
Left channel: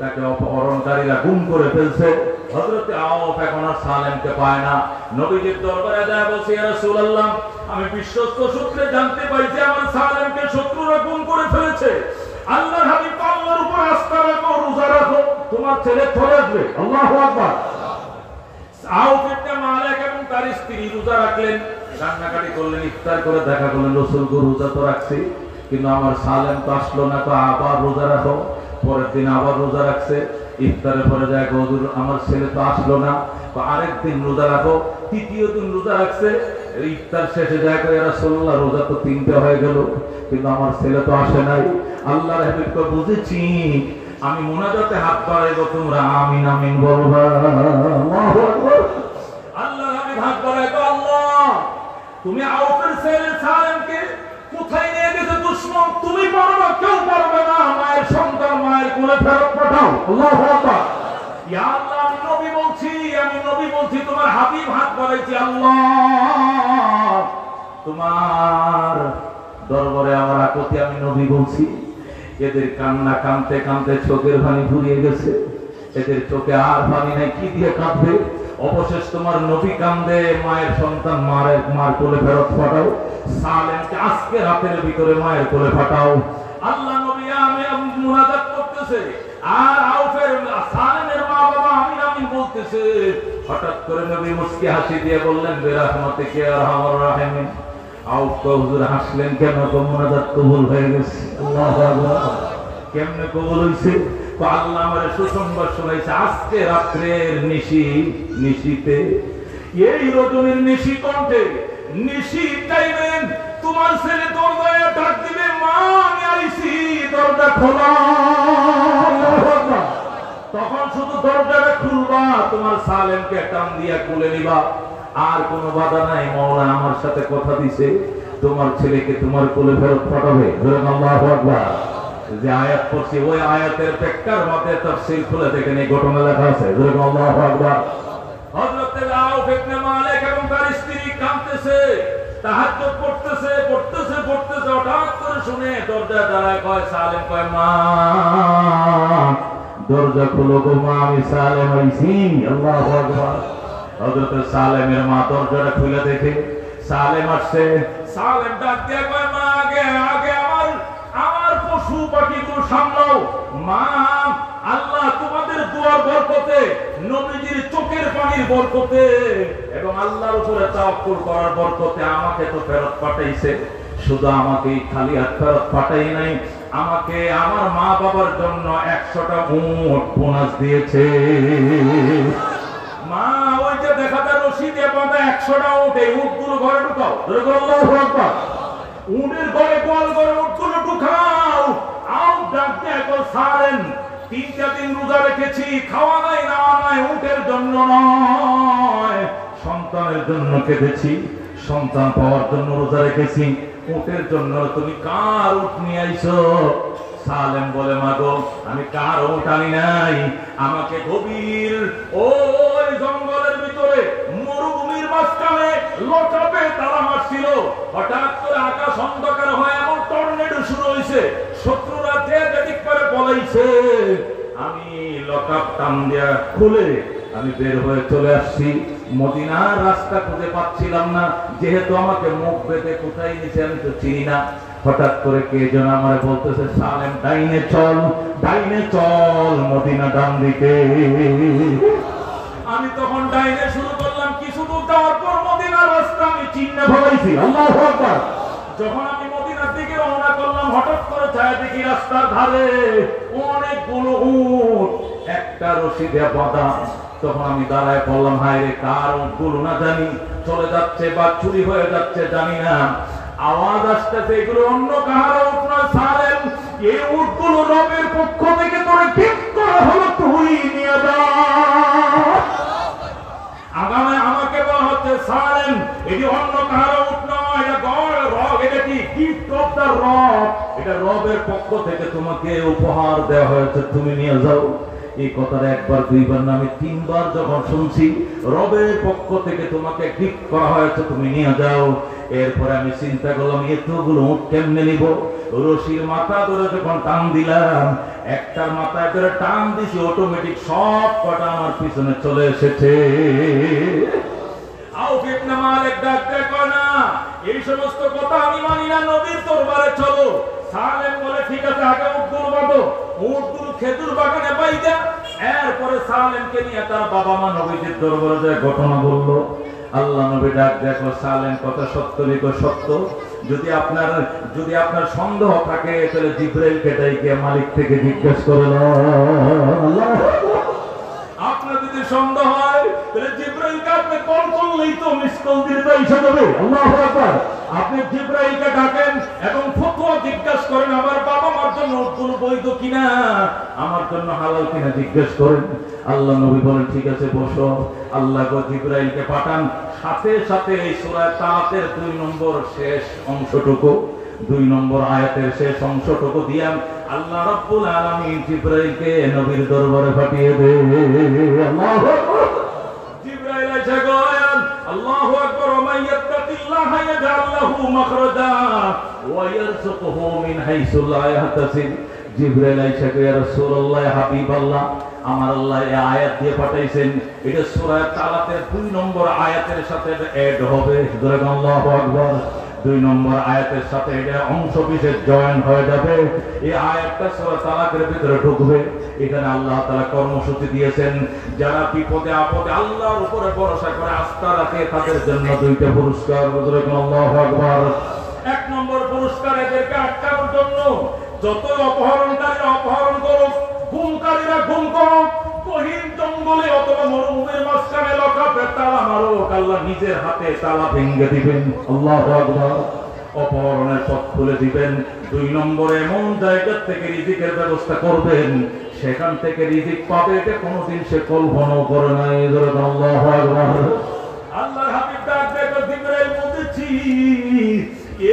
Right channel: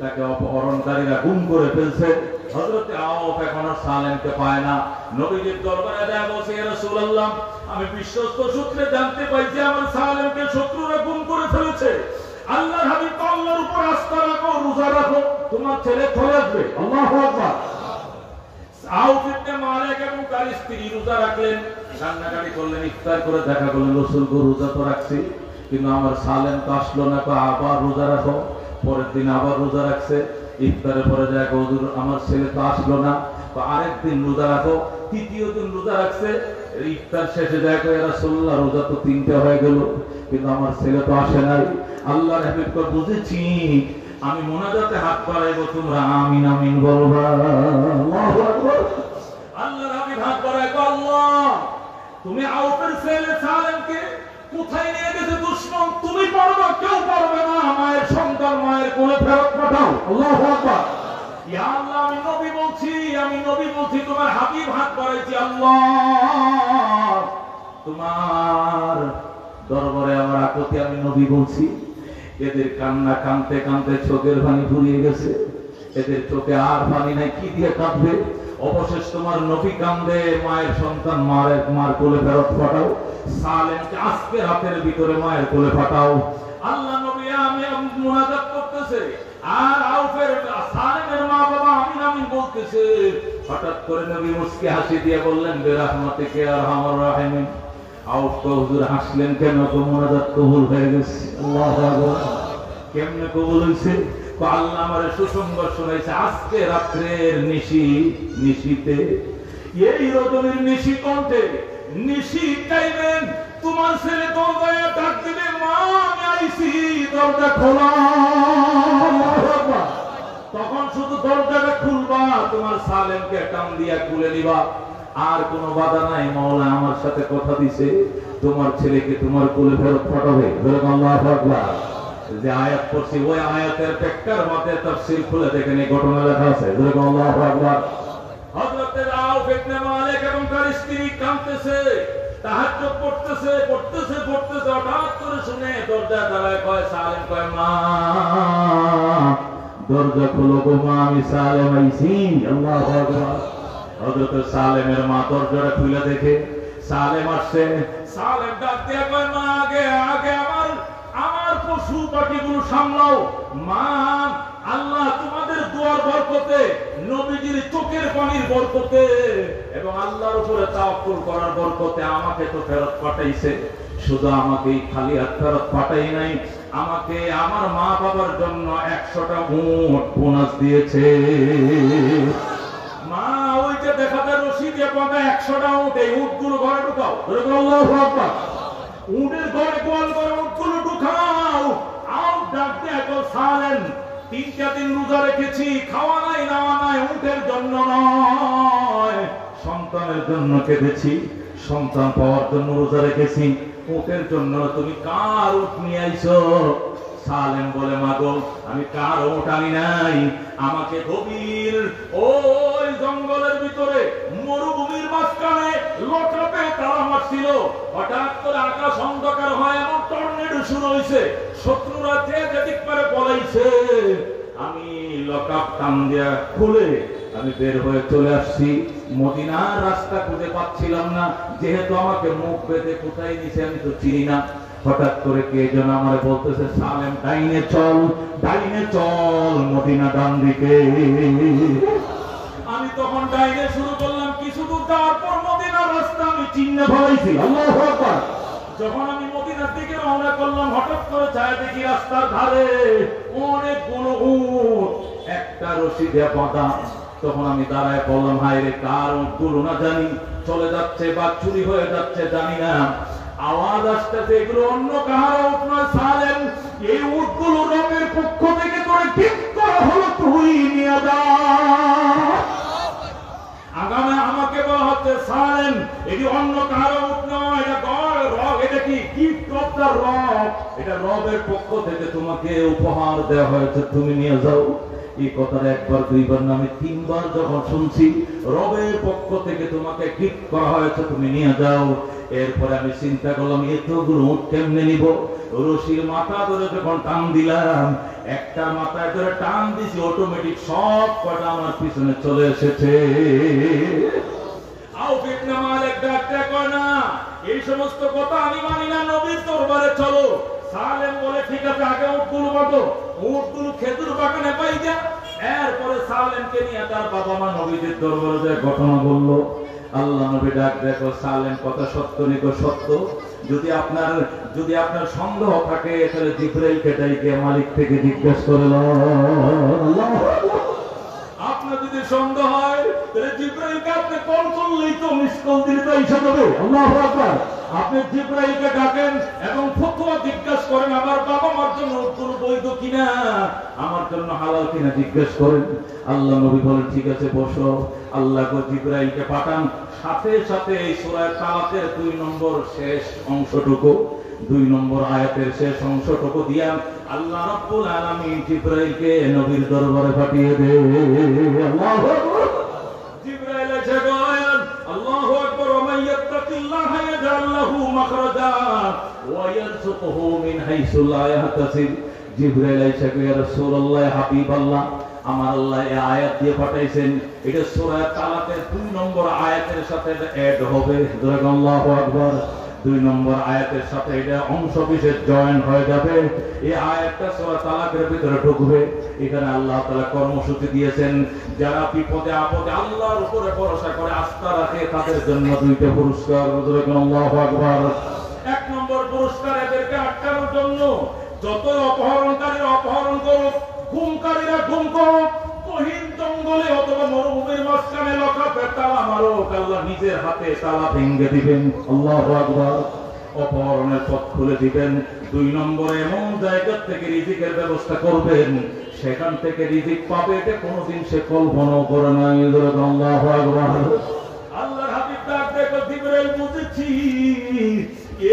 তাকে অপহরণকারীরা গুম করে ফেলছে। হযরত আউফ এখন আর সালেমকে পায় না। নবীজির দরবারে যায়, বলছে, ইয়া রাসূলুল্লাহ, আমি বিশ্বস্ত সূত্রে জানতে পাইছি আমার সালেমকে শত্রুরা গুম করে ফেলেছে। আল্লাহর হাবিব, আল্লাহর উপর আস্থা রাখো, রোজা রাখো, তোমার ছেলে চলে আসবে। আল্লাহু আকবার। আউফ ইবনে মালিক এবং তার স্ত্রী রোজা রাখলেন, কান্নাকাটি করলেন, ইফতার করে দেখা করলেন, রাসূল গো রোজা তো রাখছি, কিন্তু আমার সালেম তো আসলো না, তো আবার রোজা রাখো। পরের দিন আবার রোজা রাখছে, ইফতারের পরে যায়, হুজুর আমার ছেলে তো আসলো না, তো আরেকদিন রোজা রাখো। তৃতীয় দিন রোজা রাখছে, ইফতার শেষে যায়, ইয়া রাসূলুল্লাহ রোজা তো 3টা হয়ে গেল, কিন্তু আমার ছেলে তো আসে নাই। আল্লাহর হাবিবকে বুঝেছি, আমি মুনাজাতে হাত বাড়াইবো, তোমরা আমিন আমিন বলবা। আল্লাহু আকবার। আল্লাহর হাবিব হাত বাড়ায়, আল্লাহ তুমি আউফের ছেলে সালেমকে কোথায় নিয়ে গেছে দুশমন, তুমি পারবে, কেউ পারবে না, মায়ের সন্তান মায়ের কোলে ফেরত পাঠাও। আল্লাহু আকবার। ইয়া আল্লাহ, আমি নবী বলছি, তোমার হাবিব হাত বাড়াইছি, আল্লাহ তোমার দরবারে আমার আকতি আমি নবী বলছি। এদের কান্না কানতে কানতে চোখের পানি ফুরিয়ে গেছে, এদের চোখে আর পানি নাই, কি দিয়ে কাঁদবে? অবশেষ তোমার নবী কান্দে, মায়ের সন্তান মার কোলে ফেরত পাঠাও, সালেমকে আজকে রাতের ভিতরে মায়ের কোলে পাঠাও। আল্লাহ নবী আমি মুনাজাত করতেছে, আর আউফের সালেমের মা বাবা আমিন আমিন বলতেছে। হঠাৎ করে নবী মুস্কি হাসি দিয়ে বললেন, বিরহমাতিকা ইয়া আরহামার রাহিমিন। আউফ হুজুর হাসলেন কেন? তো মুনাজাত কবুল হয়ে গেছে। আল্লাহু আকবার। কেমনে কবুল হইছে? তো আল্লাহ আমারে সুসংবাদ শোনাইছে, আজকে রাত্রের নিশিতে, এই রজনীর নিশি কণ্ঠে, নিশি টাইমে তোমার ছেলে দরজায় ডাক দিবে, মা আমি আইছি, দরজা খোলা। তখন শুধু দরজাটা খুলবা, তোমার সালেমকে টান দিয়া খুলে নিবা, আর কোনো বাধা নাই। মাওলা আমার সাথে কথা দিছে, তোমার ছেলেকে তোমার কোলে ফেরত পাঠাবে। আল্লাহু আকবার। যে আয়াত পড়ছি, ওই আয়াতের ব্যাখ্যার মধ্যে তাফসীর খুলে দেখেন, এই ঘটনা লেখা আছে। আল্লাহু আকবার। হযরত আউফ ইবনে মালিক এবং তার স্ত্রী কাঁদতেছে, তাহাজ্জুদ পড়তেছে পড়তেছে পড়তেছে, হঠাৎ করে শুনে দরজা দাঁড়ায়, কয় সালেম, কয় মা দরজা খুলো গো মা, আমি সালেম আইছি। আল্লাহু আকবার। হযরত সালেমের মা দরজাটা খুলে দেখে সালেম আসছে। সালেম ডাক দিয়া কয় মা, আগে আগে আমার পশু পাখিগুলো সামলাও। মা, আল্লাহ তোমাদের দোয়ার বরকতে, নবীজির চোখের পানির বরকতে এবং আল্লাহর উপরে তাওয়াক্কুল করার বরকতে আমাকে তো ফেরত পাঠাইছে। শুধু আমাকে খালি হাত ফেরত পাঠাই নাই, আমাকে আমার মা বাবার জন্য 100টা উট বোনাস দিয়েছে। মা, ওই যে দেখা যায় রশি দিয়ে বাঁধা 100টা উট, এই উটগুলো ঘরে ঢুকাও। আল্লাহু আকবার। উটের ঘরে, গোয়াল ঘরে উটগুলো ঢুকাও। আউ ডাক দিয়ে কল সালেম, 3টা দিন রোজা রেখেছি, খাওয়া নাই নাওয়া নাই, উটের জন্য নয়, সন্তানের জন্য কেঁদেছি, সন্তান পাওয়ার জন্য রোজা রেখেছি, উটের জন্য। তুমি কার উট নিয়ে আইছো? সালেম বলে, মা গো, আমি কার উট আনি নাই, আমাকে গভীর ওই জঙ্গলের ভিতরে মরুভূমির মাঝখানে লকাপে তারা মারছিল। হঠাৎ করে আকাশ অন্ধকার হয়, এমন টর্নেডো শুরু হয়েছে, শত্রুরা যে যেদিক করে পলাইছে। আমি লকাপ টান দিয়া খুলে আমি বের হয়ে চলে আসছি। মদিনার রাস্তা খুঁজে পাচ্ছিলাম না, যেহেতু আমাকে মুখ বেঁধে কোথায় নিছে আমি তো চিনি না। হঠাৎ করে কে যেন আমার বলতেছে, সালেম ডাইনে চল, ডাইনে চল, মদিনা ডান দিকে। আমি তখন ডাইনে শুরু করলাম, কিছু দূর যাওয়ার পর মদিনার রাস্তা আমি চিহ্নে ফেলাইছি। আল্লাহু আকবার। যখন আমি মদিনার দিকে রওনা করলাম, হঠাৎ করে ছায়া দেখি রাস্তার ধারে অনেকগুলো উট একটা রশি দিয়ে বাঁধা। তখন আমি দাঁড়ায় পড়লাম, হায় রে, কার উটগুলো না জানি চলে যাচ্ছে বা চুরি হয়ে যাচ্ছে জানি না। আওয়াজ আসতেছে, এগুলো অন্য কাহারও উট নয় সালেম, এই উটগুলো রবের পক্ষ থেকে তোরে ঠিক করা হলো, তুই নিয়ে যা। আগামে আমাকে বলা হচ্ছে, সালেম এটি অন্য কাহারও উট নয়, এটা গড় রব, এটা কি গিফট অফ দ্য রব, এটা রবের পক্ষ থেকে তোমাকে উপহার দেওয়া হয়েছে, তুমি নিয়ে যাও। এই কথাটা একবার দুইবার না, আমি 3বার যখন শুনছি, রবের পক্ষ থেকে তোমাকে গিফট করা হয়েছে, তুমি নিয়ে যাও। এরপরে আমি চিন্তা করলাম, এতগুলো উট কেমনে নিব? রশির মাথা ধরে যখন টান দিলাম, একটার মাথায় ধরে টান দিছি, অটোমেটিক সব কটা আমার পিছনে চলে এসেছে। আউফ ইবনে মালিক ডাক দেয়, না এই সমস্ত কথা আমি মানি না, নবীর দরবারে চলো। সালেম বলে, ঠিক আছে, আগে উটগুলো বাঁধো, উটগুলো খেজুর বাগানে বাইদা। এরপরে সালেমকে নিয়ে তার বাবা মা নবীজির দরবারে যায় ঘটনা বলল। আল্লাহ নবী ডাক দেখো, সালেম কথা সত্য নিকো সত্য, যদি আপনার সন্দেহ থাকে তাহলে জিবরাইলকে ডাইকে মালিক থেকে জিজ্ঞেস করে নাও। আপনার যদি সন্দেহ হয় তাহলে জিবরাইলকে আপনি কল করলেই তো মিস কল দিতে এসে যাবে। আল্লাহু আকবার। আপনি জিবরাইলকে ডাকেন এবং ফতোয়া জিজ্ঞাসা করেন, আমার বাবা মার জন্য উটগুলো বৈধ কিনা, আমার জন্য হালাল কিনা জিজ্ঞেস করেন। আল্লাহ নবী বলেন, ঠিক আছে বসো। আল্লাহ জিবরাইলকে পাঠান, সাথে সাথে এই সূরা তালাকের 2 নম্বর শেষ অংশটুকু, 2 নম্বর আয়াতের শেষ অংশটুকু দিয়া আল্লাহ রাব্বুল আলামিন জিবরাইলকে নবীর দরবারে পাঠিয়ে দেন। আল্লাহু আকবার। জিবরাইল এসে গেলেন, আল্লাহু আকবার, ওয়া মান ইয়াত্তাকিল্লাহা ইয়াজআল লাহু মাখরাজা ওয়া ইয়ারযুকুহু মিন হাইসু লা ইয়াহতাসিব। জিবরাইল এসে কয়, ইয়া রাসূলুল্লাহ, হাবিবাল্লাহ, আমার আল্লাহ এই আয়াত দিয়ে পাঠাইছেন, এটা সূরা তালাকের 2 নম্বর আয়াতের সাথে এড হবে। আল্লাহু আকবার। 2 নম্বর আয়াতের সাথে এটা অংশ বিশেষ জয়েন হয়ে যাবে। এই আয়াতটা সূরা তালাকের ভিতরে ঢুকবে। এখানে আল্লাহ তাআলা কর্মসূচি দিয়েছেন, যারা বিপদে আপদে আল্লাহর উপরে ভরসা করে আস্থা রাখে তাদের জন্য 2টা পুরস্কার। আল্লাহু আকবার। 1 নম্বর পুরস্কার এদেরকে আটকানোর জন্য, যতই অপহরণকারীরা অপহরণ করুক, গুমকারীরা গুম করুক, গহীন জঙ্গলে অথবা মরুভূমির মাঝখানে লকাপে তালা মারুক, আল্লাহ নিজের হাতে তালা ভেঙে দিবেন। আল্লাহু আকবার। অপহরণের পথ খুলে দিবেন। 2 নম্বরে এমন জায়গা থেকে রিজিকের ব্যবস্থা করবেন, সেখান থেকে রিজিক পাবে এটা কোনোদিন সে কল্পনাও করে নাই। আল্লাহু আকবার। আল্লাহর হাবিব ডাক দেখো, জিবরাইল বলতেছি,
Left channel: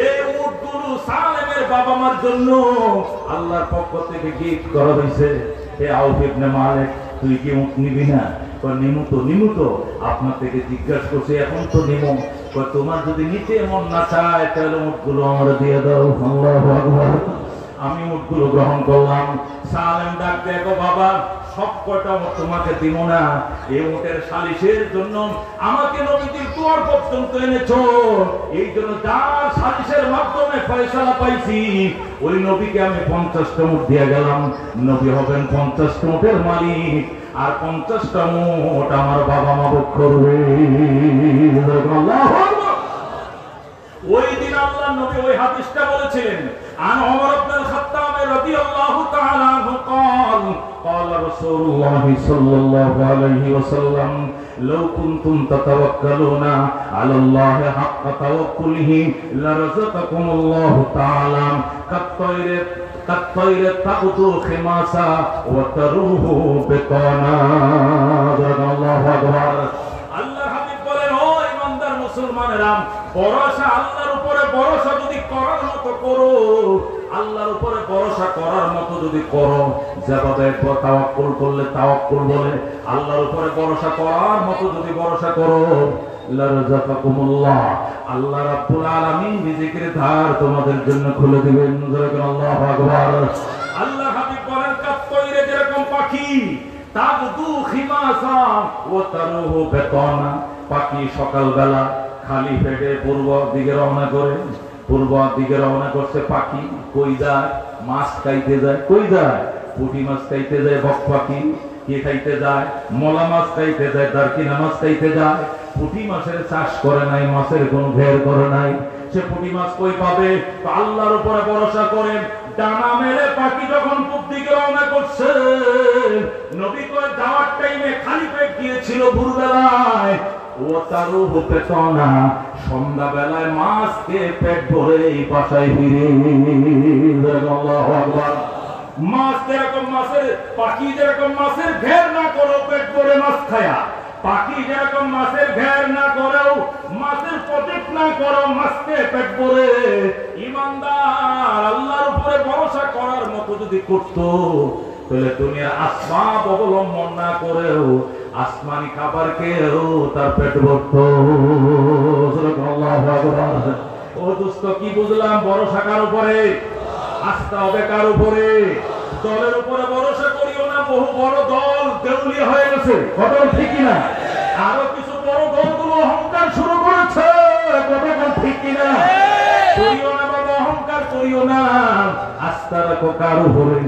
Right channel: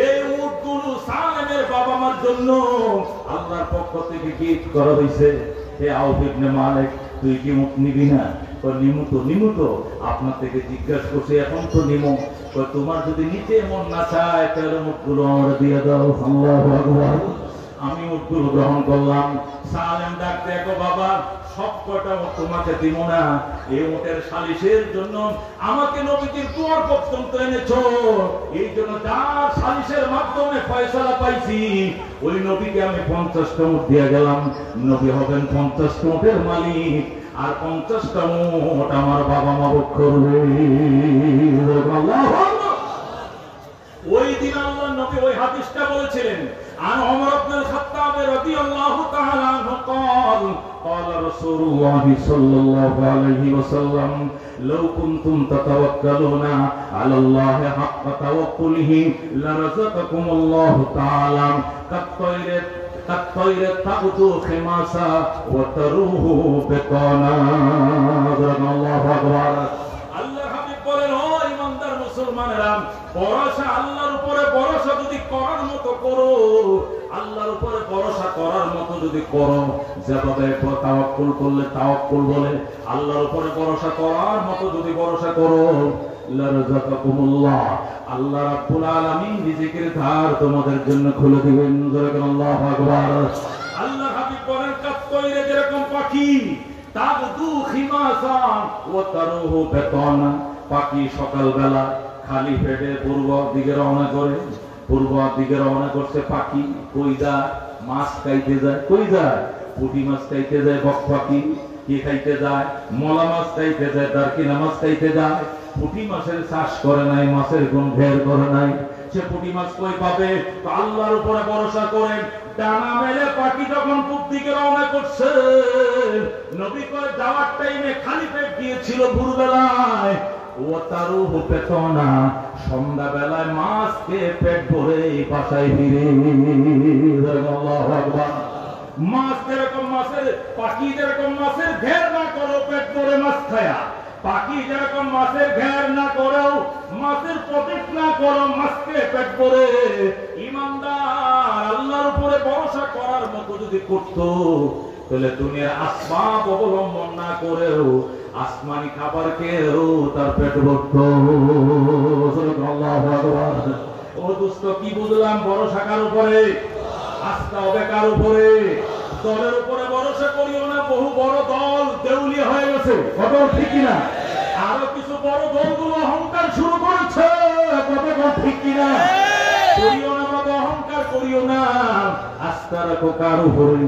এই উটগুলো সালেমের বাবা মার জন্য আল্লাহর পক্ষ থেকে গিফট করা হয়েছে। হে আউফ ইবনে মালিক, তুই কি উঠ নিবি না? নিমু তো আপনার থেকে জিজ্ঞাসা করছে, এখন তো নিমু। তোমার যদি নিতে মন না চায় তাহলে উটগুলো আমার দিয়ে দাও। আল্লাহু আকবার। আমি উটগুলো গ্রহণ করলাম। সালেম ডাক দেখো বাবা, সব কয়টা উট তোমাকে দিব না, এই উটের সালিশের জন্য আমাকে নবীজির দুয়ার পর্যন্ত এনেছো। এই জন্য যার সালিশের মাধ্যমে ফয়সালা পাইছি ওই নবীকে আমি 50টা উট দিয়ে গেলাম। নবী হবেন 50টা উটের মালিক, আর 50টা উট আমার বাবা মা ভোগ করবে। ওই দিন আল্লাহ নবী ওই হাদিসটা বলেছিলেন, আন ওমর ইবনে খাত্তাব রাদিয়াল্লাহু তাআলা আনহু قال قال رسول الله صلى الله عليه وسلم لو كنتم تتوكلون على الله حق توكله لرزقكم الله تعالى كالطير تغدو خماسا وتروح بطانا. الله اكبر. আল্লাহর হাবিব বলেন, ও ইমানদার মুসলমানেরা, ভরসা আল্লাহর উপরে ভরসা যদি করার মতো করো, আল্লাহর উপরে ভরসা করার মতো যদি করো, যেভাবে তাওয়াক্কুল করলে তাওয়াক্কুল বলে, আল্লাহর উপরে ভরসা করার মতো যদি ভরসা করো, লারযাকাকুমুল্লাহ, আল্লাহ রাব্বুল আলামিন রিজিকের ধার তোমাদের জন্য খুলে দিবেন। আল্লাহু আকবার। আল্লাহ হাবিব বলেন, কাত্তইরে যেরকম পাখি, তাগদু খিমাসা ওয়া তারুহু বেতানা, পাখি সকালবেলা খালি পেটে পূর্ব দিকে রওনা করে। পূর্ব দিকে রওনা করছে পাখি, কই যায়? মাছ খাইতে যায়। কই যায়? পুঁটি মাছ খাইতে যায় বক পাখি। কে খাইতে যায়? মলা মাছ খাইতে যায়, দারকিনা মাছ খাইতে যায়। পুঁটি মাছের চাষ করে নাই, মাছের কোন ঘের করে নাই, সে পুঁটি মাছ কই পাবে? আল্লাহর উপরে ভরসা করে ডানা মেলে পাখি যখন পূব দিকে রওনা করছে, নবী কয় যাওয়ার টাইমে খালি পেট গিয়েছিল ভোরবেলায়, ও তারও পেত না, সন্ধ্যা বেলায় মাছ খেয়ে পেট ভরে বাসায় ফিরে। আল্লাহু আকবার। মাছ যেরকম মাছের, পাখি যেরকম মাছের ঘের না করো পেট ভরে মাছ খায়া, পাখি যেরকম মাছের ঘের না করেও, মাছের প্রতীক না করো মাছকে পেট ভরে, ইমানদার আল্লাহর উপরে ভরসা করার মতো যদি করতো, তাহলে দুনিয়ার আসবাব অবলম্বন না করেও আসমানি খাবার খেয়েও তার পেট ভরত। ও দোস্ত, কি বুঝলাম? ভরসা কার উপরে? আস্থা হবে কার উপরে? দলের উপরে ভরসা করিও না। বহু বড় দল দেউলিয়া হয়ে গেছে, কথা ঠিক কিনা? আরো কিছু বড় দলগুলো অহংকার শুরু করেছে, কথা ঠিক কিনা? করিও না বাবা, অহংকার করিও না। আস্থা রাখো কার উপরে?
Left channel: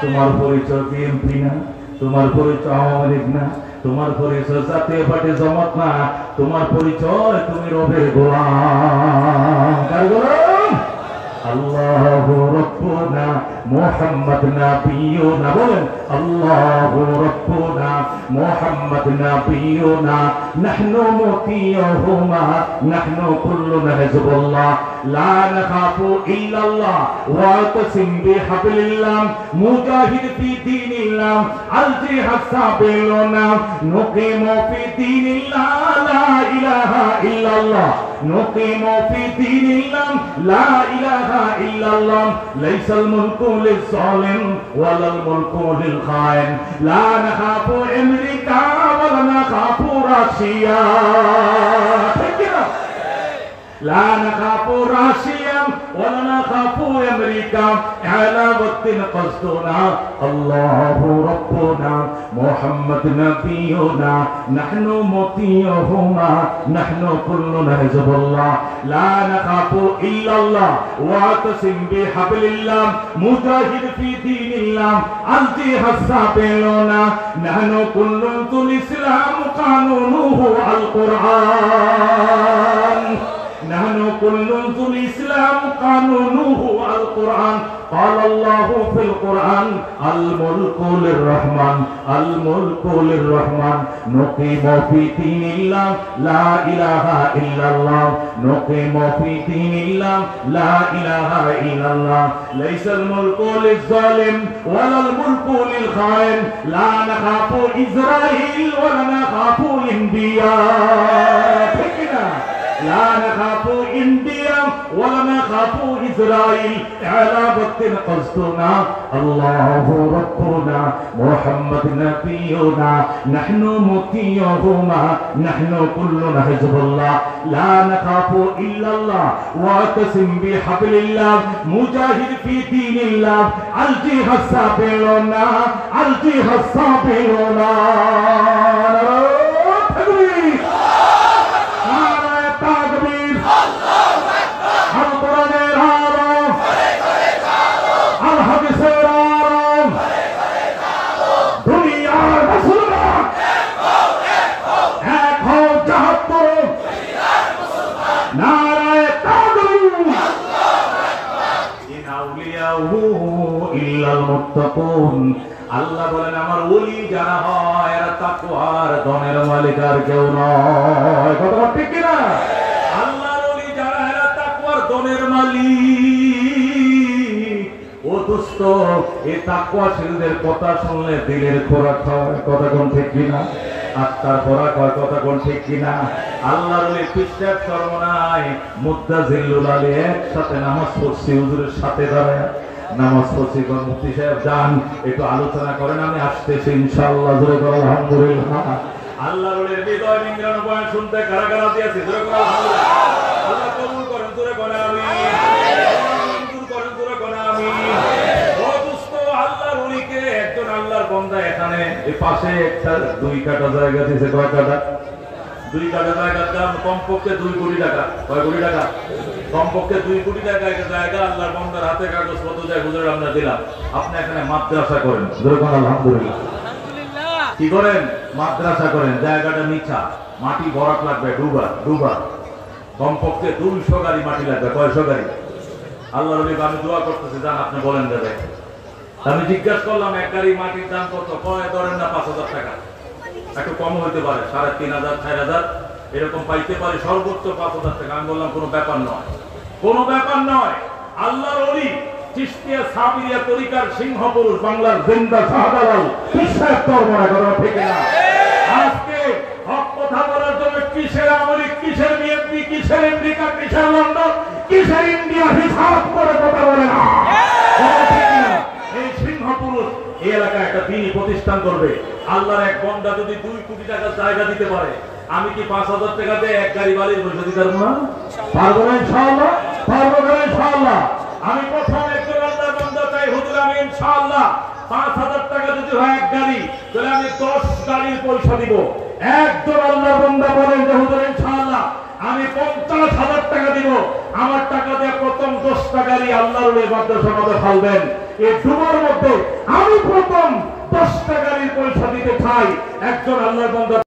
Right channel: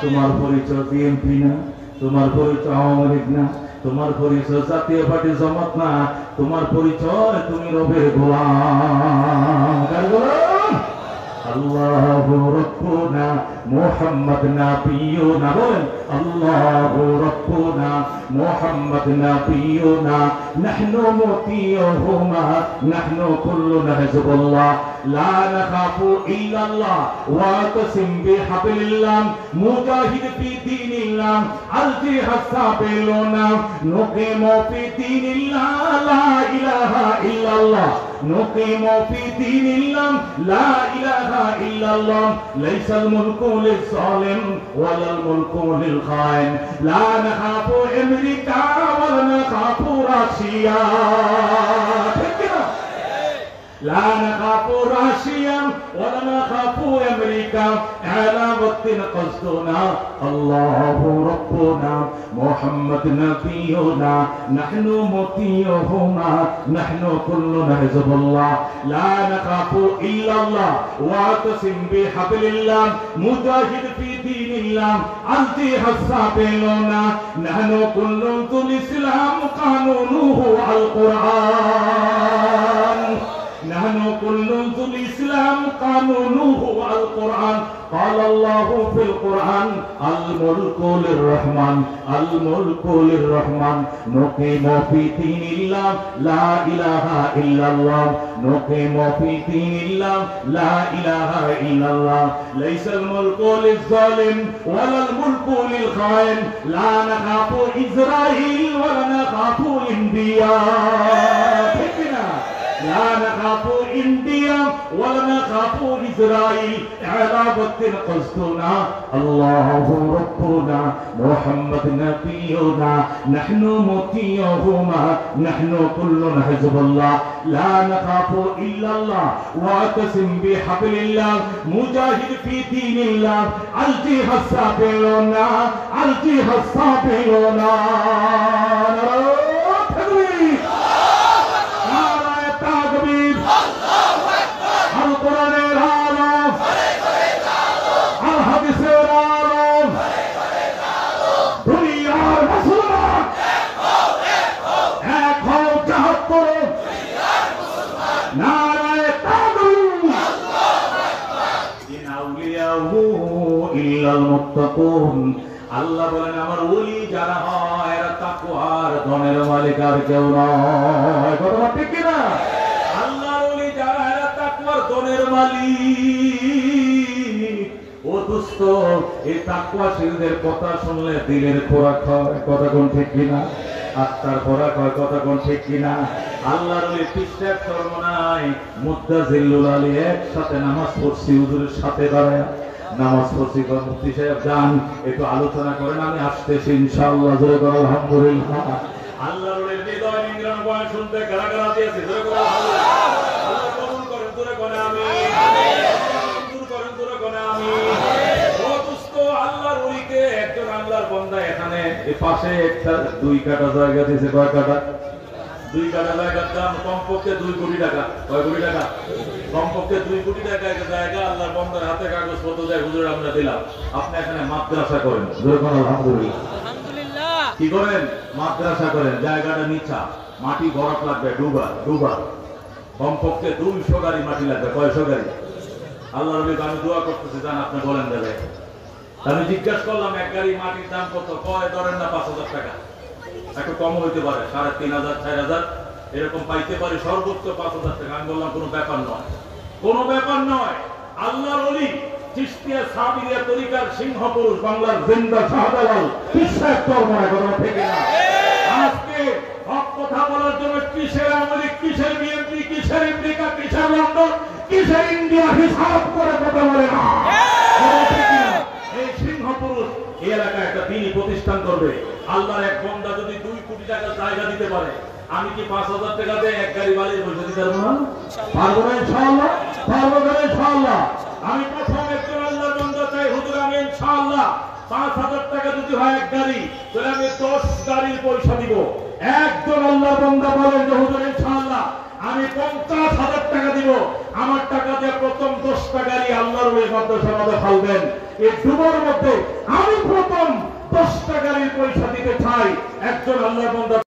তোমার পরিচয় বিএনপি না, তোমার পরিচয় আওয়ামী লীগ না, তোমার পরিচয় জাতীয় পার্টি জামাত না, তোমার পরিচয় তুমি রবের গোলাম। কার গোলাম? আল্লাহু রাব্বুনা মুহাম্মদ নাবিয়ুনা। বলেন, আল্লাহু রাব্বুনা মুহাম্মদ নাবিয়ুনা, নাহনু মুতিয়ুহুমা, নাহনু কুল্লুনা হিজবুল্লাহ, লা নাখাফু ইল্লাল্লাহ, ওয়াতাসিম বিহাবলিল্লাহ, মুজাহিদ ফি দীনিল্লাহ, আল-জিহাদ সাবিলুনা, নুকিমু ফি দীনিল্লাহ, লা ইলাহা ইল্লাল্লাহ, নুকিমু ফি দীনিল্লাহ, লা ইলাহা ইল্লাল্লাহ, লাইসাল মুলকু লিজ-জালিম ওয়ালাল মুলকু লিল-খাইন, লা নাখাফু আমেরিকা ওয়ালা নাখাফু রাশিয়া। ঠিক না? لا نخاف راشيا ولا نخاف أمريكا، على وقت قصدنا الله ربنا محمد نبينا، نحن مطيعهما، نحن كلنا حزب الله، لا نخاف إلا الله، واعتصم بحبل الله، مجاهد في دين الله، الجهاد سابلنا، نحن كل الإسلام قانونه القرآن، نحن كل الإسلام قانونه القرآن، قال الله في القرآن الملك للرحمن، الملك للرحمن، نقيم في دين الله لا إله إلا الله، نقيم في دين الله لا إله إلا الله، ليس الملك للظالم ولا الملك للخائن، لا نخاف إسرائيل ولا نخاف الأنبياء، لا نخاف إنديا ولا نخاف إسرائيل على وقت قصدنا الله ربنا محمد نبينا نحن مطيعهما نحن كلنا حزب الله لا نخاف إلا الله واعتصم بحبل الله مجاهد في دين الله الجهاد السابلون الجهاد السابلون আল্লাহ বলেন আমার ওলি যারা হয় এরা তাকওয়ার ধনের মালিক আর কেউ নয়। কথা ঠিক কি না? আল্লাহর ওলি যারা এরা তাকওয়ার ধনের মালিক। ও দোস্ত এই তাকওয়াশীলদের কথা শুনলে দিলের খোরাক হয়। কথা কোন ঠিক কি না? আত্মার খোরাক হয়। কথা কোন ঠিক কি না? আল্লাহর ওলি পৃষ্ঠা সর্বনাই মুত্তাজিল্লুল আলী একসাথে নামাজ পড়ছি হুজুরের সাথে দাঁড়ায় নামাজ পড়ছি। মুফতি সাহেব যান একটু আলোচনা করেন, আমি আসতেছি ইনশাআল্লাহ। জোরে করে আলহামদুলিল্লাহ। আল্লাহর ওলির হৃদয় নিংড়ানো বয়ান শুনতে কারা কারা দিয়েছে? জোরে করে আলহামদুলিল্লাহ। আল্লাহ কবুল করেন। জোরে করে আমিন। মঞ্জুর করেন। জোরে করে আমিন। ও দোস্ত আল্লাহর ওলিকে একজন আল্লাহর বান্দা এখানে এই পাশে একটা 2 কাঠা জায়গা দিয়েছে। কয় কাঠা? 2 কাঠা জায়গার দাম কমপক্ষে 2 কোটি টাকা। কয় কোটি টাকা? কমপক্ষে 2 কোটি টাকা একটা জায়গা আল্লাহর বান্দার হাতে কাগজপত্র দিয়ে হুজুর আমরা দিলাম। আপনি এখানে মাদ্রাসা করেন। যেরকম আলহামদুলিল্লাহ। কি করেন? মাদ্রাসা করেন। জায়গাটা নিচা, মাটি ভরাট লাগবে, ডুবা কমপক্ষে 200 গাড়ি মাটি লাগবে। কয়শো গাড়ি? আল্লাহর নবী আমি দোয়া করতেছি, জান আপনি বলেন দেবে। আমি জিজ্ঞাসা করলাম এক গাড়ি মাটির দাম কত? কয় ধরেন না 5000 টাকা। একটু কম হইতে পারে, 3500 4000 এরকম পাইতে পারি, সর্বোচ্চ 5000 টাকা। আমি বললাম কোনো ব্যাপার নয়, কোনো ব্যাপার নয়। আল্লাহর ওলি চিশতিয়া সাবিরিয়া তরিকার সিংহ পুরুষ বাংলার জিন্দা শাহজালাল বিশ্বাস করব না। কথা ঠিক না? আজকে হক কথা বলার জন্য কিসের আমেরিকা, কিসের বিএনপি, কিসের আমেরিকা, কিসের লন্ডন, কিসের ইন্ডিয়া হিসাব করে কথা বলে না। এই সিংহ পুরুষ এই এলাকায় একটা দিনই প্রতিষ্ঠান করবে। আল্লাহর এক বান্দা যদি 2 কোটি টাকা জায়গা দিতে পারে, আমি কি 5000 টাকা দিয়ে এক গাড়ি বাড়ির পয়সা দিতে পারবো না? পারবো না ইনশাআল্লাহ। পারবো না ইনশাআল্লাহ। আমি প্রথম একজন আল্লাহর বান্দা চাই হুজুর আমি ইনশাআল্লাহ 5000 টাকা যদি হয় এক গাড়ি, তাহলে আমি 10 গাড়ির পয়সা দিব। একজন আল্লাহর বান্দা বলেন যে হুজুর ইনশাআল্লাহ আমি 50,000 টাকা দিব, আমার টাকা দিয়ে প্রথম 10টা গাড়ি আল্লাহর ওই মাদ্রাসার মধ্যে ফেলবেন। এই ডুবার মধ্যে আমি প্রথম 10টা গাড়ির পয়সা দিতে চাই। একজন আল্লাহর বান্দা